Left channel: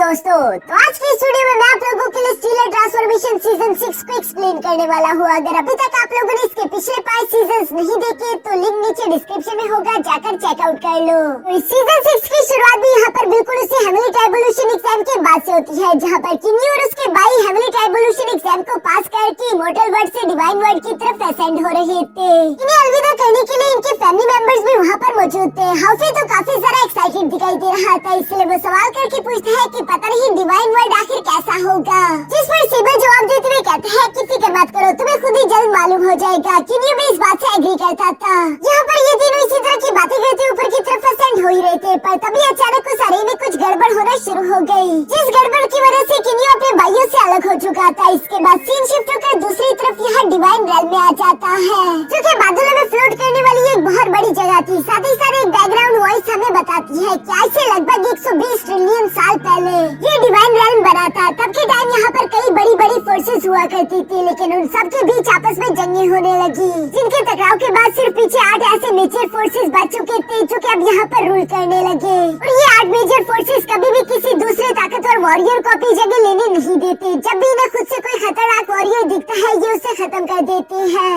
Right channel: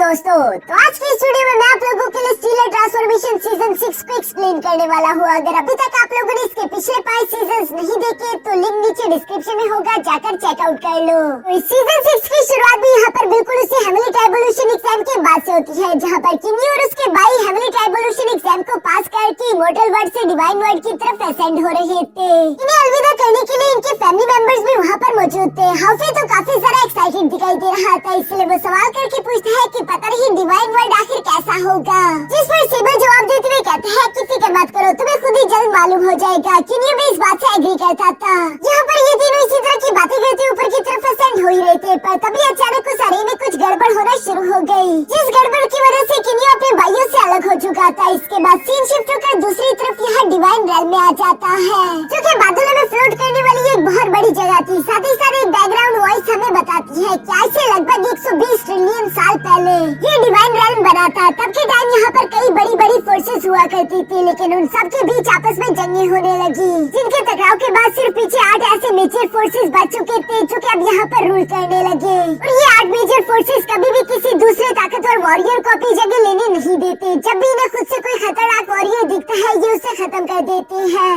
दोस्तों, तो आज की इस वीडियो में मैं आप लोगों के लिए स्टीलर ट्रांसफॉर्मेशन सीजन 6 को एक्सप्लेन करने वाला हूँ। अगर अभी तक आप लोगों ने इसके पिछले 5 सीजन्स नहीं देखे तो लिंक नीचे डिस्क्रिप्शन में होगा, जाकर चेकआउट कर लो। तो इस सीजन 6 की शुरुआत भी यहाँ पर बिल्कुल उसी हेवनली ट्राइबोल्यूशन एग्जाम के बाद से होती है, जहाँ पर किन्नी और उसके भाई हेवनली ट्राइबोल्यूशन एग्जाम को पास करके इमॉर्टल वर्ल्ड से डिवाइन वर्ल्ड की तरफ असेंड हो रहे थे। इन्हें अलविदा करने के लिए इनके फैमिली मेंबर्स भी वहाँ पर मौजूद थे। हाफी तो काफी सारा एक्साइटेड दिखाई दे रहा था, इसलिए वो सवाल करके पूछता है कि पता नहीं डिवाइन वर्ल्ड आखिर कैसा होगा। जिस पर सिबल जवाब देते हुए कहते हैं कि फिक्र मत करो, तुम्हें खुद ही जल्द मालूम हो जाएगा। किन्नी भी इस बात से एग्री करता था। यहाँ पर ये तीनों इसी तरह की बातें करते ऊपर की तरफ असेंड हो ही रहे थे, पर तभी अचानक उस अरे में कुछ गड़बड़ होना शुरू हो गई, जिस गड़बड़ की वजह से किन्नी अपने भाइयों से अलग हो चुका था। इसके बाद सीन शिफ्ट होकर दूसरी तरफ यहाँ डिवाइन रेल्म में आ जाता है, जो कि बादलों में फ्लोट करने वाली एक बहुत बड़ी जगह थी। साथ ही साथ एक बैकग्राउंड वॉइस हमें बताती है कि आज से लगभग 120 ट्रिलियन साल पहले ये डिवाइन रेल्म बना था। तब के टाइम यहाँ पर कई बड़ी बड़ी फोर्सेस हुआ करती थी, लेकिन उन सब के बीच आपस में जंगें होने लगी, जिनके टकराव के बाद सिर्फ पीछे 8 ऐसे मेजर फोर्सेस बच चुके थे, जो कि अब यहाँ पर रूल करने लगे। और ये 8 मेजर फोर्सेस कभी भी किसी दूसरे ताकतवर वॉरियर को अपनी जगह लेने नहीं देते। जब भी इन्हें खुद से कोई खतरनाक वॉरियर दिखता है, ये उसे खत्म कर देते हैं।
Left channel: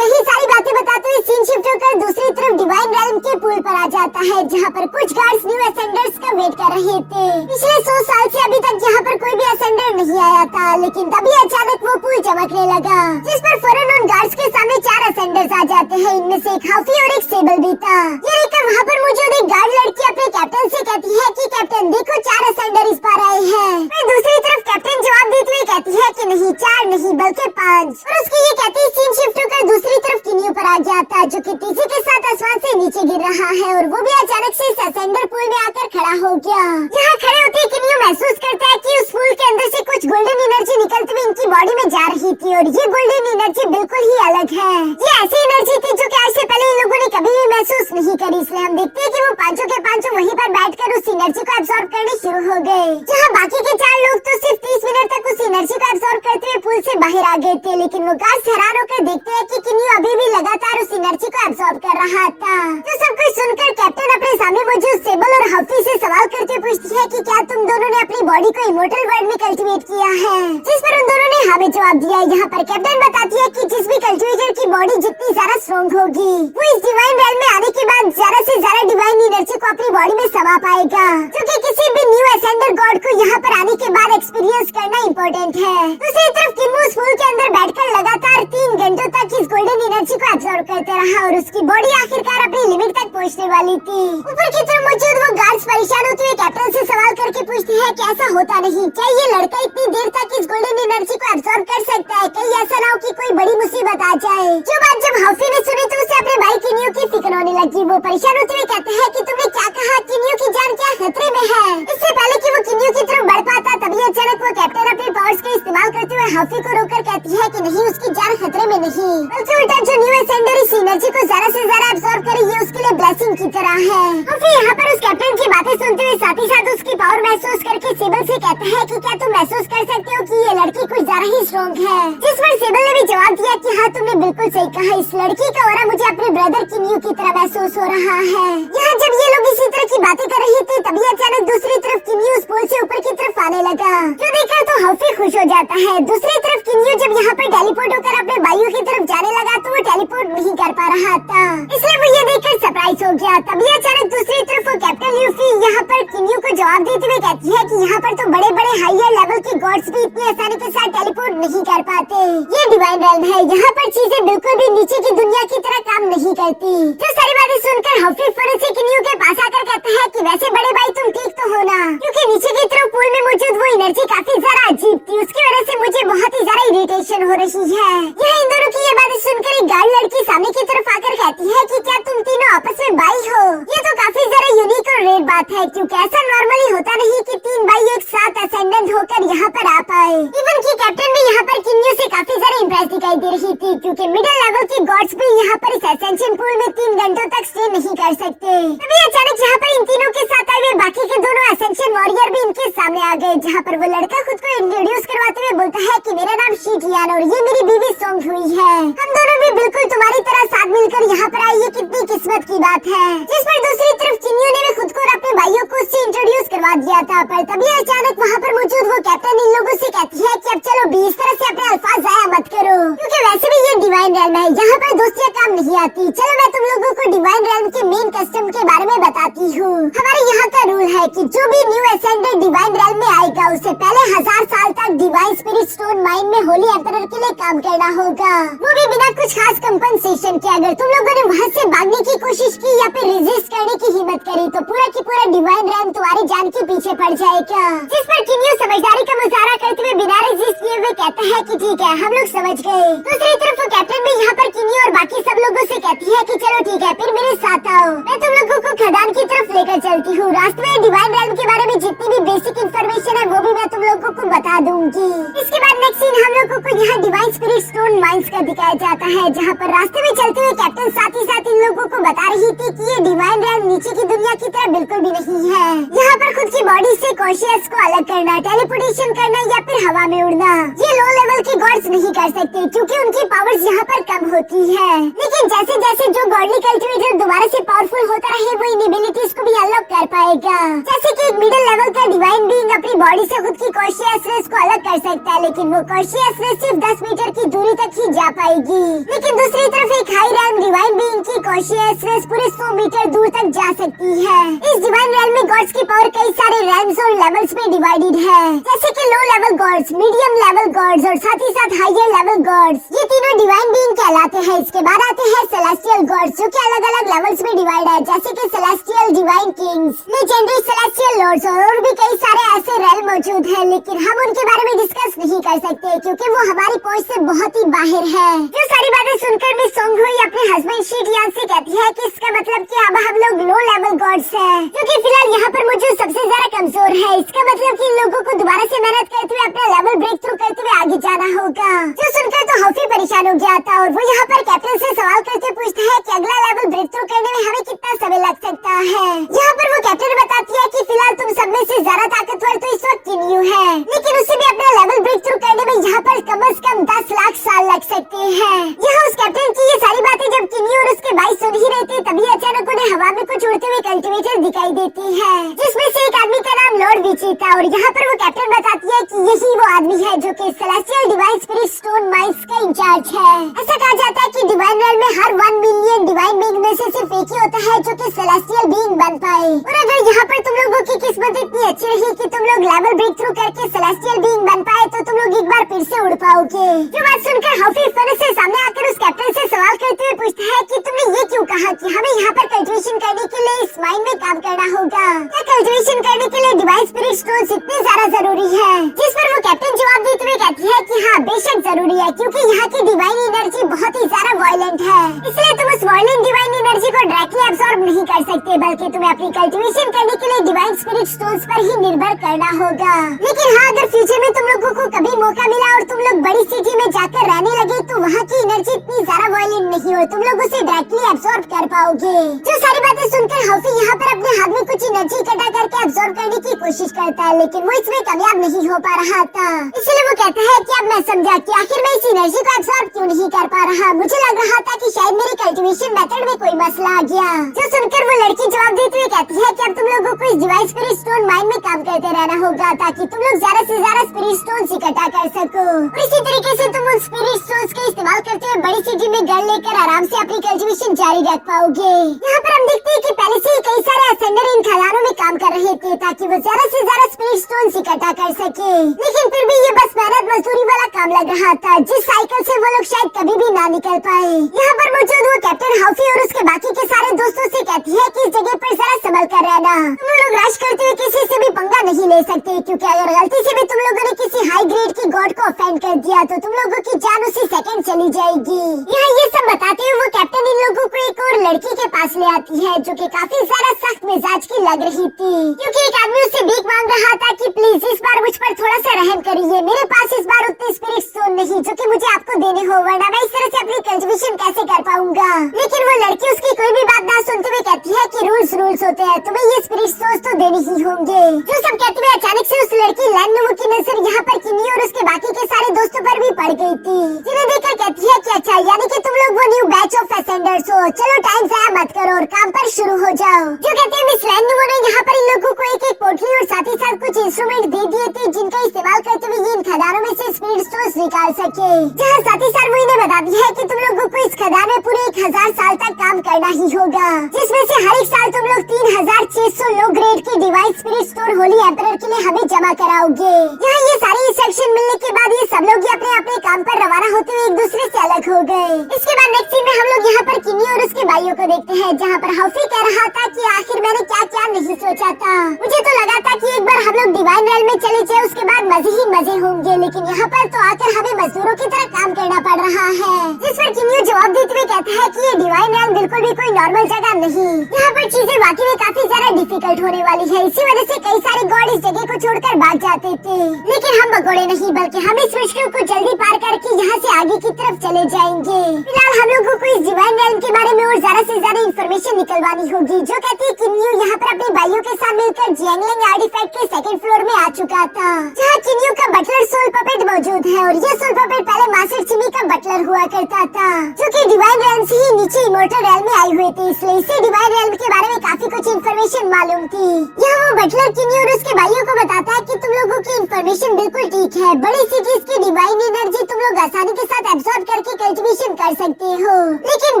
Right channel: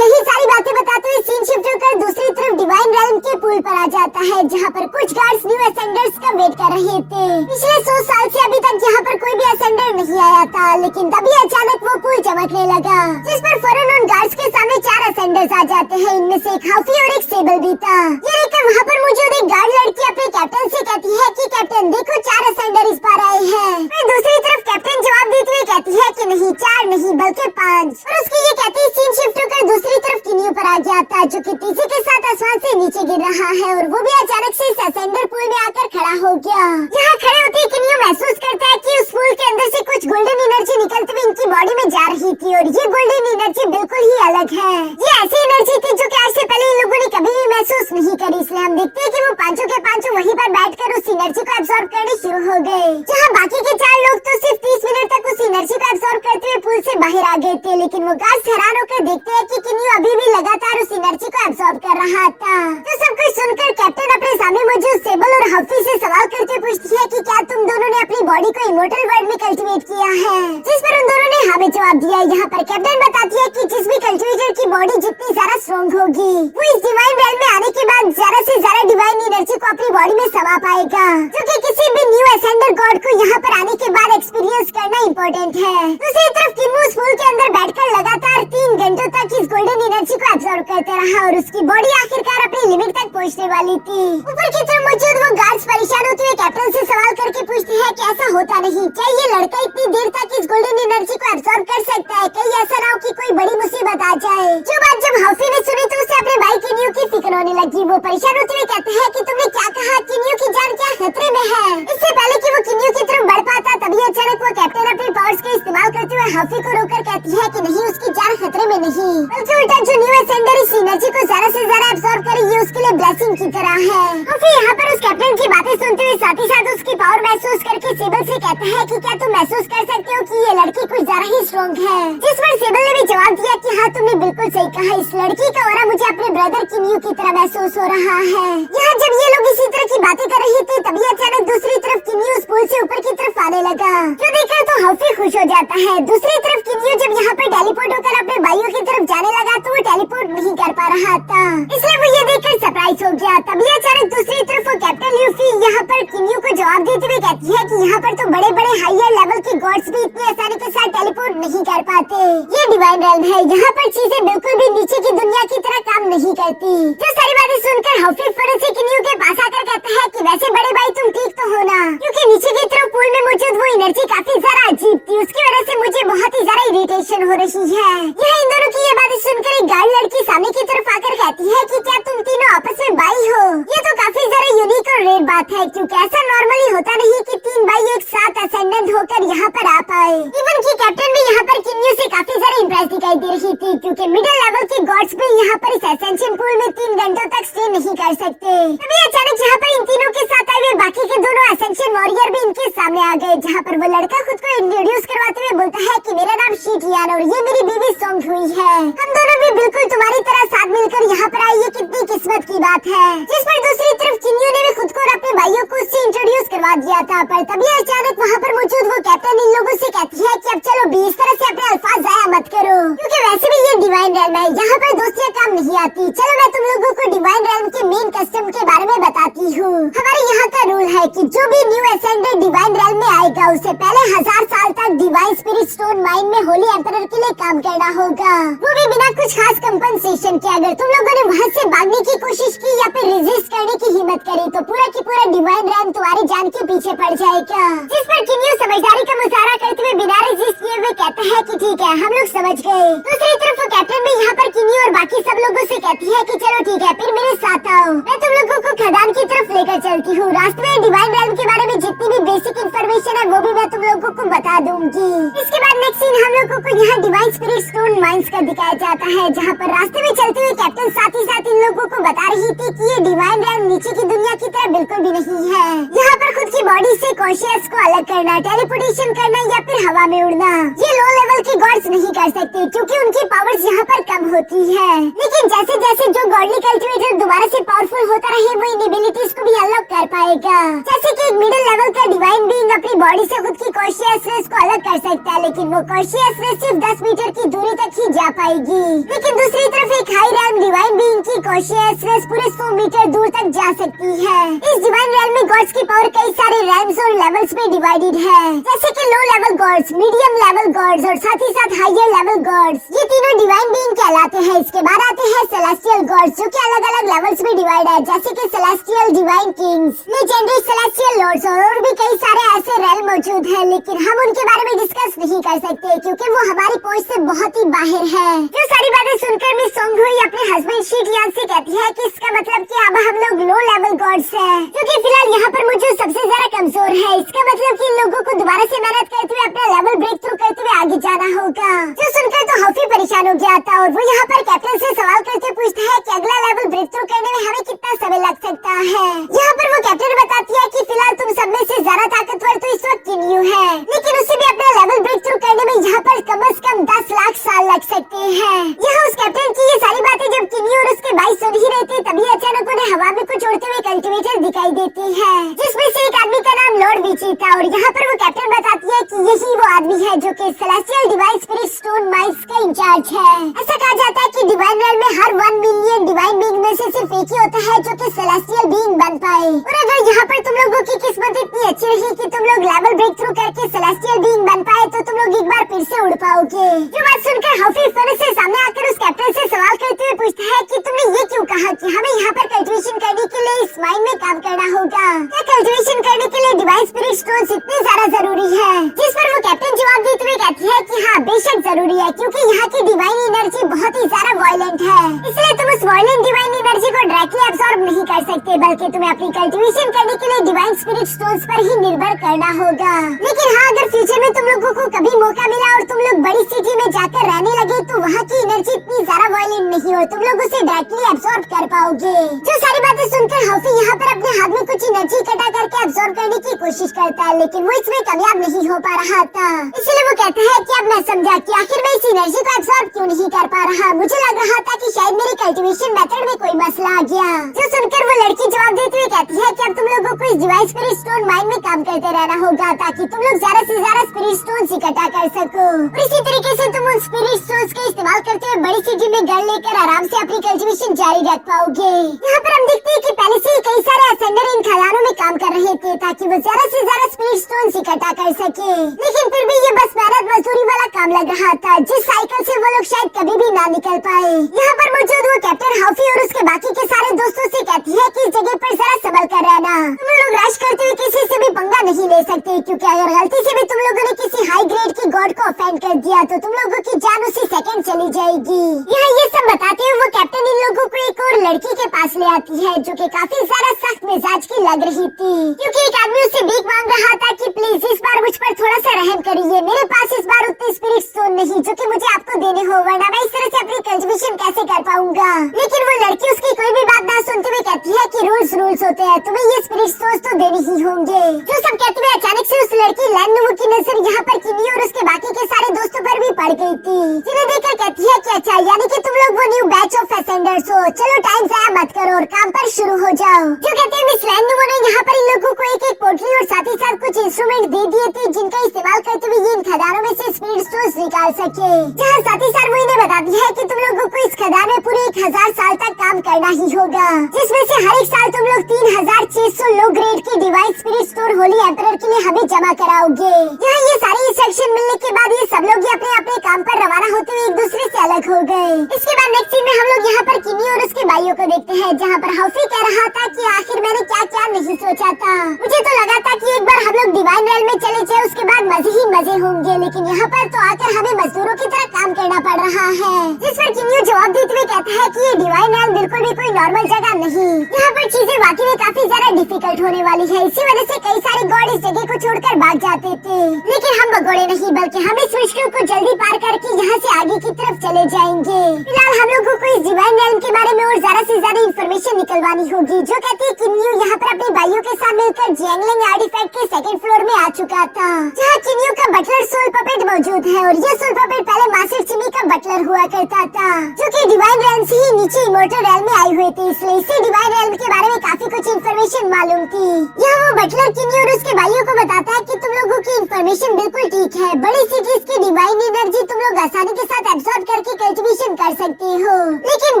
यही सारी बातें बताते हुए सीन शिफ्ट होकर दूसरी तरफ डिवाइन रेल्म के पूल पर आ जाता है, जहाँ पर कुछ गार्ड्स न्यू असेंडर्स का वेट कर रहे थे। पिछले 100 साल से अभी तक यहाँ पर कोई भी असेंडर नहीं आया था, लेकिन तभी अचानक वो पूल चमकने लगा, जिस पर फौरन उन गार्ड्स के सामने 4 असेंडर्स आ जाते हैं। इनमें से एक हाफी और एक सेबल भी था। ये देखकर वहाँ पर मौजूद एक गार्ड लड़की अपने कैप्टन से कहती है कि कैप्टन देखो 4 असेंडर इस बार आए हैं। फिर दूसरी तरफ कैप्टन जवाब देते हुए कहती है कि नहीं 4 नहीं बल्कि 5। और उसकी ये कहती सीन शिफ्ट होकर दूसरी तरफ किन्नी पर आ गया था, जो कि तेजी के साथ आसमान से नीचे गिर रहा है, और वो भी अचानक से इस असेंडर पूल में आकर खड़ा हो गया। यहाँ खड़े होते ही किन्नी महसूस करता है कि उस पूल के अंदर से कुछ गोल्डन एनर्जी निकलती हुई इनकी बॉडी में जा रही थी, और ये गोल्डन एनर्जी बिल्कुल ही अलग है। ये ऐसी एनर्जी थी जो कि आज से पहले इन लोगों ने कभी भी महसूस नहीं करी। इसलिए हम देखते हैं कि वो पांचों के पांचों वहीं पर बैठकर उस एनर्जी को एब्सॉर्ब करने शुरू हो गए, जहाँ बाकी के 4 लोग तो सिर्फ 30 मिनट तक उस एनर्जी को एब्सॉर्ब करते हुए पूल से बाहर आ गए थे। लेकिन वो गार्ड्स हैरान होकर देखते हैं कि किन्नी अभी भी लगातार उस एनर्जी को एब्सॉर्ब कर रहा था। तो सब कुछ सुनकर कैप्टन अपने सामने मौजूद सेबल और हाफी से सवाल करते पूछती है कि क्या तुम दोनों ने अपनी बॉडी को इमॉर्टल वर्ल्ड में कल्टीवेट किया है, जिस पर उन दोनों ने हाँ में जवाब दिया। यहाँ पर कैप्टन बताती है कि जिस भी कल्टीवेटर की बॉडी जितनी ज्यादा स्ट्रॉन्ग होगी, वो इस डिवाइन रेल्म में आने के बाद ज्यादा से ज्यादा डिवाइन एनर्जी को अपनी बॉडी में समा पाएगा, जो कि किसी भी न्यू असेंडर गॉड को यहाँ पर आने के बाद एक्सपीरियंस करना इम्पोर्टेंट है। दूसरी तरफ किन्नी उस पूल के अंदर बैठकर लगातार 3 घंटों तक इस गोल्डन एनर्जी को एब्सॉर्ब करते रहा, और उसकी बॉडी आखिरकार अपनी लिमिट तक पहुँचने वाली थी। ऊपर की तरफ मौजूद वो गार्ड्स परेशान होते हुए कैप्टन से सवाल करके पूछते हैं कि ऐसा होता नहीं, क्या ये लड़का इतनी देर तक इस गोल्डन एनर्जी को एब्सॉर्ब कर सकता है? कहीं ऐसा ना हो कि कोई बड़ी मुसीबत आ जाए। जो बात जब हाफी ने सुनी तो उसे अपने भाई किन्नी की फिक्र होने लगी। वो परेशान होते हुए कहते हैं कि तुमने क्या कहा, किन्नी की जान क्या खतरे में है? इससे पहले कि वो किन्नी की तरफ बढ़ पाता, तभी अचानक वो कैप्टन अपने पावर्स का इस्तेमाल करते हुए हाफी को रोककर कहती है कि नहीं, उसकी जान खतरे में नहीं, बल्कि उल्टा जो न्यू असेंडर इस एनर्जी को ज्यादा से ज्यादा एब्सॉर्ब करे, ये उसके लिए ब्लेसिंग की तरह है। हाफी यहाँ पर उस कैप्टन की बातें सुनते हुए साथ ही साथ उसकी पावर महसूस करके सेबल से कहता है कि क्या तुम महसूस कर सकते हो कि ये लड़की कुछ ज्यादा ही स्ट्रॉन्ग है? जिस पर सेबल ने भी जवाब दिया कि हाँ तुमने बिल्कुल सही कहा, इस लड़की का ऑरा मुझे अपने ब्रदर किन्नी की तरह महसूस हो रहा है। यहाँ जब ये लोग इसी तरह की बातें कर रहे थे, तभी अचानक दूसरी तरफ किन्नी उस पुल से ऊपर की तरफ आने लगा, जो देखकर तो हाफी खुश हो जाता है। दूसरी तरफ किन्नी जब यहाँ पर टेलीपोर्ट होकर अपने भाइयों की तरफ जाने लगा, तो वो टेलीपोर्ट नहीं कर पा रहा था, इसलिए वो ये देखकर सरप्राइज हो गया। तभी अचानक दूसरी तरफ वो कैप्टन ल्यूफी यहाँ पर किन्नी को जवाब देते हुए कहती है कि यहाँ पर तो बड़े बड़े हायर लेवल के गॉड्स भी इतनी आसानी के साथ टेलीपोर्ट नहीं कर पाते। ये डिवाइन रेल्म है, यहाँ पर चीजें बिल्कुल भी नीचे की दुनिया की तरह काम नहीं करती। जो सारी बातें सुनकर हाफी फौरन से किन्नी के पास आकर कहता है कि वैसे बड़े भाई तुम ठीक तो हो ना, क्योंकि नीचे की तरफ पूल में मौजूद वो एनर्जी काफी ज्यादा अजीब थी, उसकी वजह से मुझे बहुत ही ज्यादा इरिटेशन हो रही है। यह इन दोनों की ये बातें सुनकर एक गार्ड लड़की सामने की तरफ आकर कहती है कि क्या तुम तीनों आपस में भाई हो? ये तो काफी ज्यादा यूनिक और रेयर बात है, क्योंकि ऐसा नॉर्मली होता नहीं कि 3 भाई एक साथ असेंडेंट होकर यहाँ पर आ पाए। इवन की कैप्टन भी यहाँ पर किन्नी से काफी ज्यादा इम्प्रेस दिखाई दे रही थी, क्योंकि मिडिल लेवल के गॉड्स भी यहाँ पर इस असेंशन पूल में 3 घंटों तक स्टे नहीं कर सकते। तभी अचानक यहाँ पर इन तीनों के साथ आए बाकी के दोनों असेंशन वॉरियर भी इनके सामने आ गए, जहाँ पर वो लड़का खुद को इंट्रोड्यूस करवाते हुए बोलता है कि मेरा नाम शीटियान और ये मेरी बीवी सोंग हुई है। हम दोनों भी बिल्कुल तुम्हारी तरह साथ मिलकर यहाँ पर आए, ये कितनी किस्मत की बात है। जिस पर दूसरी तरफ किन्नी ने भी खुद को और अपने भाइयों को उससे इंट्रोड्यूस करवा दिया था। था, पर तभी अचानक वहाँ पर मौजूद वो कैप्टन इन लोगों से कहती है कि अब चलो भी इस तरह से अपने अल्फाज जाया मत करो, क्योंकि वैसे भी ये डिवाइन रेल्म है, यहाँ पर दोस्तियाँ काम नहीं आती। चलो मैं तुम लोगों को डिवाइन रेल्म के मेन कस्टम के बारे में बताती हूँ। हमारे यहाँ का रूल है कि जो भी न्यू एसेंडेंट डिवाइन रेल्म में आएगा उसे पहले 1000 साल तक डिवाइन स्पिरिट स्टोन माइन में होली एम्परर के लिए काम करना होगा, वो भी बिना कुछ खास कंपनसेशन के। अगर तुम लोगों ने वहाँ से भागने की कोशिश की या फिर रेजिस्ट करने की हिम्मत करी तो पूरा की पूरा डिवाइन रेल्म तुम्हारी जान के पीछे पड़ जाएगा। जिस पर किन्यू समझदारी का मुजाहरा करते हुए बिना रेजिस्ट किए हुए कहता है कि ठीक है, हम लोग समझ गए। दूसरी तरफ वो कैप्टन भी यहाँ पर किन्यू और बाकी सब लोगों से कहती है कि चलो ठीक है, फिर मेरे साथ आओ, मैं तुम लोगों को खदान की तरफ लेकर चलती हूँ। रास्ते में डिवाइन रेल्म के बारे में जितनी भी बेसिक इन्फॉर्मेशन है वो भी मैं तुम लोगों को बता दूंगी। इसके बाद नेक्स्ट सीन हम लोगों को यहाँ डिवाइन स्पिरिट स्टोन माइंस का दिखाया जाता है, जहाँ पर रास्ते में चलते हुए कैप्टन साथ ही साथ इन लोगों को बता रही थी कि ये डिवाइन रेल्म नीचे की दुनिया की तरह बिल्कुल भी नहीं है। यहाँ पर खुद की बॉडी से कॉशियस को अलग करना, टेलीपोर्टेशन करना या फिर हवा में उड़ना, ये लो लेवल के गॉड्स नहीं कर सकते क्योंकि उनकी पावर्स यहाँ पर कम होती है। लेकिन जैसे जैसे जो गॉडली कल्टिवेटर दोबारा से पावरफुल होता रहे वो इन एबिलिटीज को भी अनलॉक कर पाएगा। जैसे कि एक मिडिल लेवल का डिवाइन बीइंग अपनी बॉडी से खुद की कॉशियसनेस को अलग कर सकता है, लेकिन वो कॉशियसनेस सिर्फ 10 मीटर की दूरी तक ही जा पाएगी। लेकिन दूसरी तरफ एक हाई रैंक डिवाइन बीइंग की कॉशियसनेस पूरे 100 मीटर दूर तक जा सकती है। इस डिवाइन रेल्म में गॉड्स की पावर कई सारे रैंक्स और लेवल्स में डिवाइडेड है, जैसे कि low level gods, medium level gods और साथ ही साथ हायर लेवल गॉड्स। ये तीनों डिवाइन बीइंग कहलाते हैं। इसके बाद आते हैं सेलेस्टियल गॉड्स, जो कि अलग अलग लेवल्स में डिवाइड है, जैसे कि celestial divine kings, legendary celestial lords और भी कई सारे ऐसे रेल्म मौजूद हैं, लेकिन हम उनके बारे में डिस्कस नहीं कर सकते क्योंकि वो हमारी पहुंच से बहुत ही बाहर है। जो सारी बातें सुनकर भी सोंग हुई अपने हस्बैंड शीटियान से कहती है कि इसका मतलब कि अब हम लोग लो लेवल गॉड्स हैं, जो कि फिलहाल यहाँ पर मौजूद सबसे ज्यादा कमजोर है। इसका मतलब कि इन लोगों को दोबारा से मेहनत करते हुए अपना लेवल ब्रेक थ्रू करते हुए आगे जाना होगा। जो सुनकर तो हॉफी परेशान हो गया था और वो यहाँ पर कैप्टन से सवाल करके पूछता है कि अगला लेवल ब्रेक थ्रू करने में हमें कितना समय लग सकता है। यहाँ पर वो कैप्टन बताती है कि फिलहाल तुम सब में से ज्यादा ताकतवर तो इस वक्त किन्यू है, लेकिन उसे भी अपना लेवल ब्रेक थ्रू करने में यहाँ पर कम से कम 10 लाख साल लग सकते हैं। यहाँ उस कैप्टन की ये सारी बातें जब किन्यू और उसके भाई सुन ही रहे थे, तभी अचानक उन्हें हवा में कुछ उड़ते हुए कल्टीवेटर दिखाई देती है, जिसमें से एक आदमी का नाम लॉर्ड विची था। और यहाँ पर वो कैप्टन बताती है कि यही वो आदमी है जो कि celestial divine spirit stone mines का इंचार्ज है। ऐसा कहा जाता है कि डिवाइन रेल्म में हर 1 मिलियन डिवाइन बीइंग में से सिर्फ एक ही होता है जो कि सेलेस्टियल बीइंग बन पाए। और अगर यहाँ पर तुम लोगों की किस्मत इतनी अच्छी रही कि तुम लोग लेवल ब्रेक थ्रू करके सेलेस्टियल बीइंग बन पाए तो तुम लोग एक बार फिर से उड़ पाओगे। जो बात सुनकर हॉफी फौरन से सामने आकर उस कैप्टन से सवाल करते हुए पूछता है कि तुमने ये क्यों कहा कि हमें यहाँ पर कल्टीवेशन करने के लिए इस माइन में काम करना होगा? क्या कल्टीवेशन करने के लिए डिवाइन स्पिरिट स्टोन्स इतने ज्यादा जरूरी है? जिस पर वो कैप्टन जवाब देते हुए कहती है कि हाँ बेशक जरूरी है, क्योंकि यहाँ की डिवाइन एनर्जी बहुत ही ज्यादा वायलेंट है, इसलिए तुम उस वायलेंट डिवाइन एनर्जी को डायरेक्टली एब्सॉर्ब नहीं कर सकते, बल्कि तुम्हें अपनी कल्टीवेशन करने के लिए डिवाइन स्पिरिट स्टोन्स पर ही निर्भर करना होगा। लेकिन हाँ, अगर फ्यूचर में तुम लोगों को कभी मौका मिला और तुम लोग बड़ी सिटी में जाकर रहने लगे तो वहाँ की एनर्जी इतनी ज्यादा वायलेंट नहीं हो, तुम लोग उसे डायरेक्टली एब्सॉर्ब कर पाओगे। जो सारी बातें सुनकर हॉफी यहाँ पर अपने हाथ में कुछ एनर्जी इकट्ठा करके एब्सॉर्ब करने की कोशिश करता है, लेकिन वो इसमें कामयाब नहीं हो पा रहा था। इसलिए वो कहता है कि अब मैं समझा कि आखिर मैं इस एनर्जी को एब्सॉर्ब क्यों नहीं कर पा रहा। मुझे लग रहा था कि शायद मेरे कल्टीवेशन मेथड में कोई मसला आ गया। जो सुनकर वो लड़की जवाब देते हुए कहती है कि अब तुम लोगों को इस डिवाइन स्पिरिट स्टोन माइन में काम करते रहना होगा ताकि तुम लोग ज्यादा से ज्यादा स्पिरिट स्टोन्स इकट्ठा कर सको। और इसी तरीके से तुम उन स्पिरिट स्टोन्स का इस्तेमाल करते हुए बड़ी सिटी में घर लेकर आराम से अपनी कल्टीवेशन जारी रख पाओगे। यहाँ पर हम देखते हैं कि पहले से ही कई सारे असेंडर इन खदानों में काम कर रहे थे ताकि वो ज्यादा से ज्यादा स्पिरिट स्टोन्स इकट्ठा कर सके, लेकिन फिर भी ये बस मेहनत मजदूरी वाला काम लग रहा था, जिस साइकिल से वो लोग शायद कभी भी ना निकल पाए। यहाँ पर मौजूद वो कैप्टन हॉफी और उसके बाकी के सारे दोस्तों से कहती है कि इस जगह पर जरा संभल कर रहना, तुम लोग रश करते हुए किसी से भी पंगा नहीं ले सकते, क्योंकि अगर गलती से भी तुम लोगों ने किसी हाई ग्रेड की गॉड को ऑफेंड कर दिया तो तुम लोगों की जान उसी सेकंड चली जाएगी। यहाँ ये सब बताते हुए वो कैप्टन इन लोगों को एक और लड़की के पास ले आती है जो कि काफी ज्यादा सख्त मिजाज की लग रही थी, क्योंकि एक आदमी उससे भीख मांग रहा था कि प्लीज इस बार मुझ पर थोड़ा सा रहम करिए, मेरे पास इस बार उतने स्पिरिट स्टोन नहीं जो कि मुझे आपको देने हो, वरना मैं इस तरह से अपनी कल्टीवेशन कैसे कर पाऊंगा। लेकिन वो लड़की उसकी कोई भी बात ना सुनते हुए कहती है कि रूल्स होते हैं, तुम्हें ये स्पिरिट स्टोन्स तो देने ही होंगे। जो सब कहते हुए अचानक से उस लड़के लैंडोवो की नजर यहाँ पर किन्नी और उसके बाकी के सारे दोस्तों पर भी पड़ गई थी, जिन्हें देखकर कहती है कि अच्छा यानी कि तुम लोग वो न्यू बैच ऑफ असेंडर्स हो, चलो टाइम ज़ाया मत करो और काम पर शुरू हो जाओ। जो कहते हैं मिस लैंडोवो ने यहाँ पर इन लोगों को एक एक पोटली और साथ ही साथ कुछ इंस्ट्रूमेंट दे दिए थे जिनका इस्तेमाल करते हुए ये इन खदानों में से स्पीड स्टोन्स निकाल सके। जहाँ साथ ही साथ वो इन्हें बता दिया है कि तुम लोगों को इस खदान में पूरे 1000 साल तक काम करना ही होगा, जिसमें से हर एक साल तुम लोग 3600 लो ग्रेड की divine spirit stone Holi emperor के लिए हमें जमा कराओगे। यहाँ ये सारी इंस्ट्रक्शन मिलने के बाद ये सब लोग अपने अपने काम पर रवाना होते हुए एक दूसरे से अलग हो गए। इसके बाद नेक्स्ट सीन में हम लोग यहाँ पर किन्नी और उसके भाइयों को देखते हैं, जहाँ पर हॉफी कह रहा था कि आखिर मैंने क्या क्या नहीं सोचा था, मुझे तो लगा था कि एक बार हम लोग डिवाइन रेल में चले जाए उसके बाद मजे ही मजे होंगे, लेकिन यहाँ पर तो आकर हमें मजदूरों की तरह काम करना पड़ रहा है। जिस पर किन्नी जवाब देते हुए कहता है कि ये डिवाइन रेल बिल्कुल भी कोई नॉर्मल जगह नहीं, यहाँ पर चीजें वाकई में काफी ज्यादा डिफिकल्ट होने वाली है, इसी वजह से कई सारे गॉड इस जगह को छोड़कर भाग जाते थे, लेकिन हम भगोड़े नहीं बल्कि हम इस मुश्किल को जल्दी पार करके यहाँ से आगे की तरफ चले जाएंगे। फिलहाल हम लोगों को इस डिवाइन रेल के बारे में और ज्यादा से ज्यादा इन्फॉर्मेशन निकलवानी होगी। जो कहती है किन्नी यहाँ पर अपने भाइयों के साथ मिलकर जियांगलिंग आर्टिफैक्ट के सेकंड फ्लोर में आ चुका था, जहाँ किन्नी का बटलर सोल पपेट मौजूद है और ये सोल पपेट पहले मास्टर चिमी का बटलर हुआ करता था, जो कि डिवाइन रेल से ही नीचे इमोर्टल रेल में आए हुए थे, इसलिए इसी डिवाइन रेल के बारे में काफी कुछ इन्फॉर्मेशन मालूम थी। यह वो बटलर किन्नी और उसके भाइयों को बताता है कि तुम लोगों की इन्फॉर्मेशन बिल्कुल ठीक है, बड़ी सिटीज की डिवाइन एनर्जी तुम लोग आसानी के साथ एब्जॉर्ब करके कल्टीवेशन कर सकते हो, लेकिन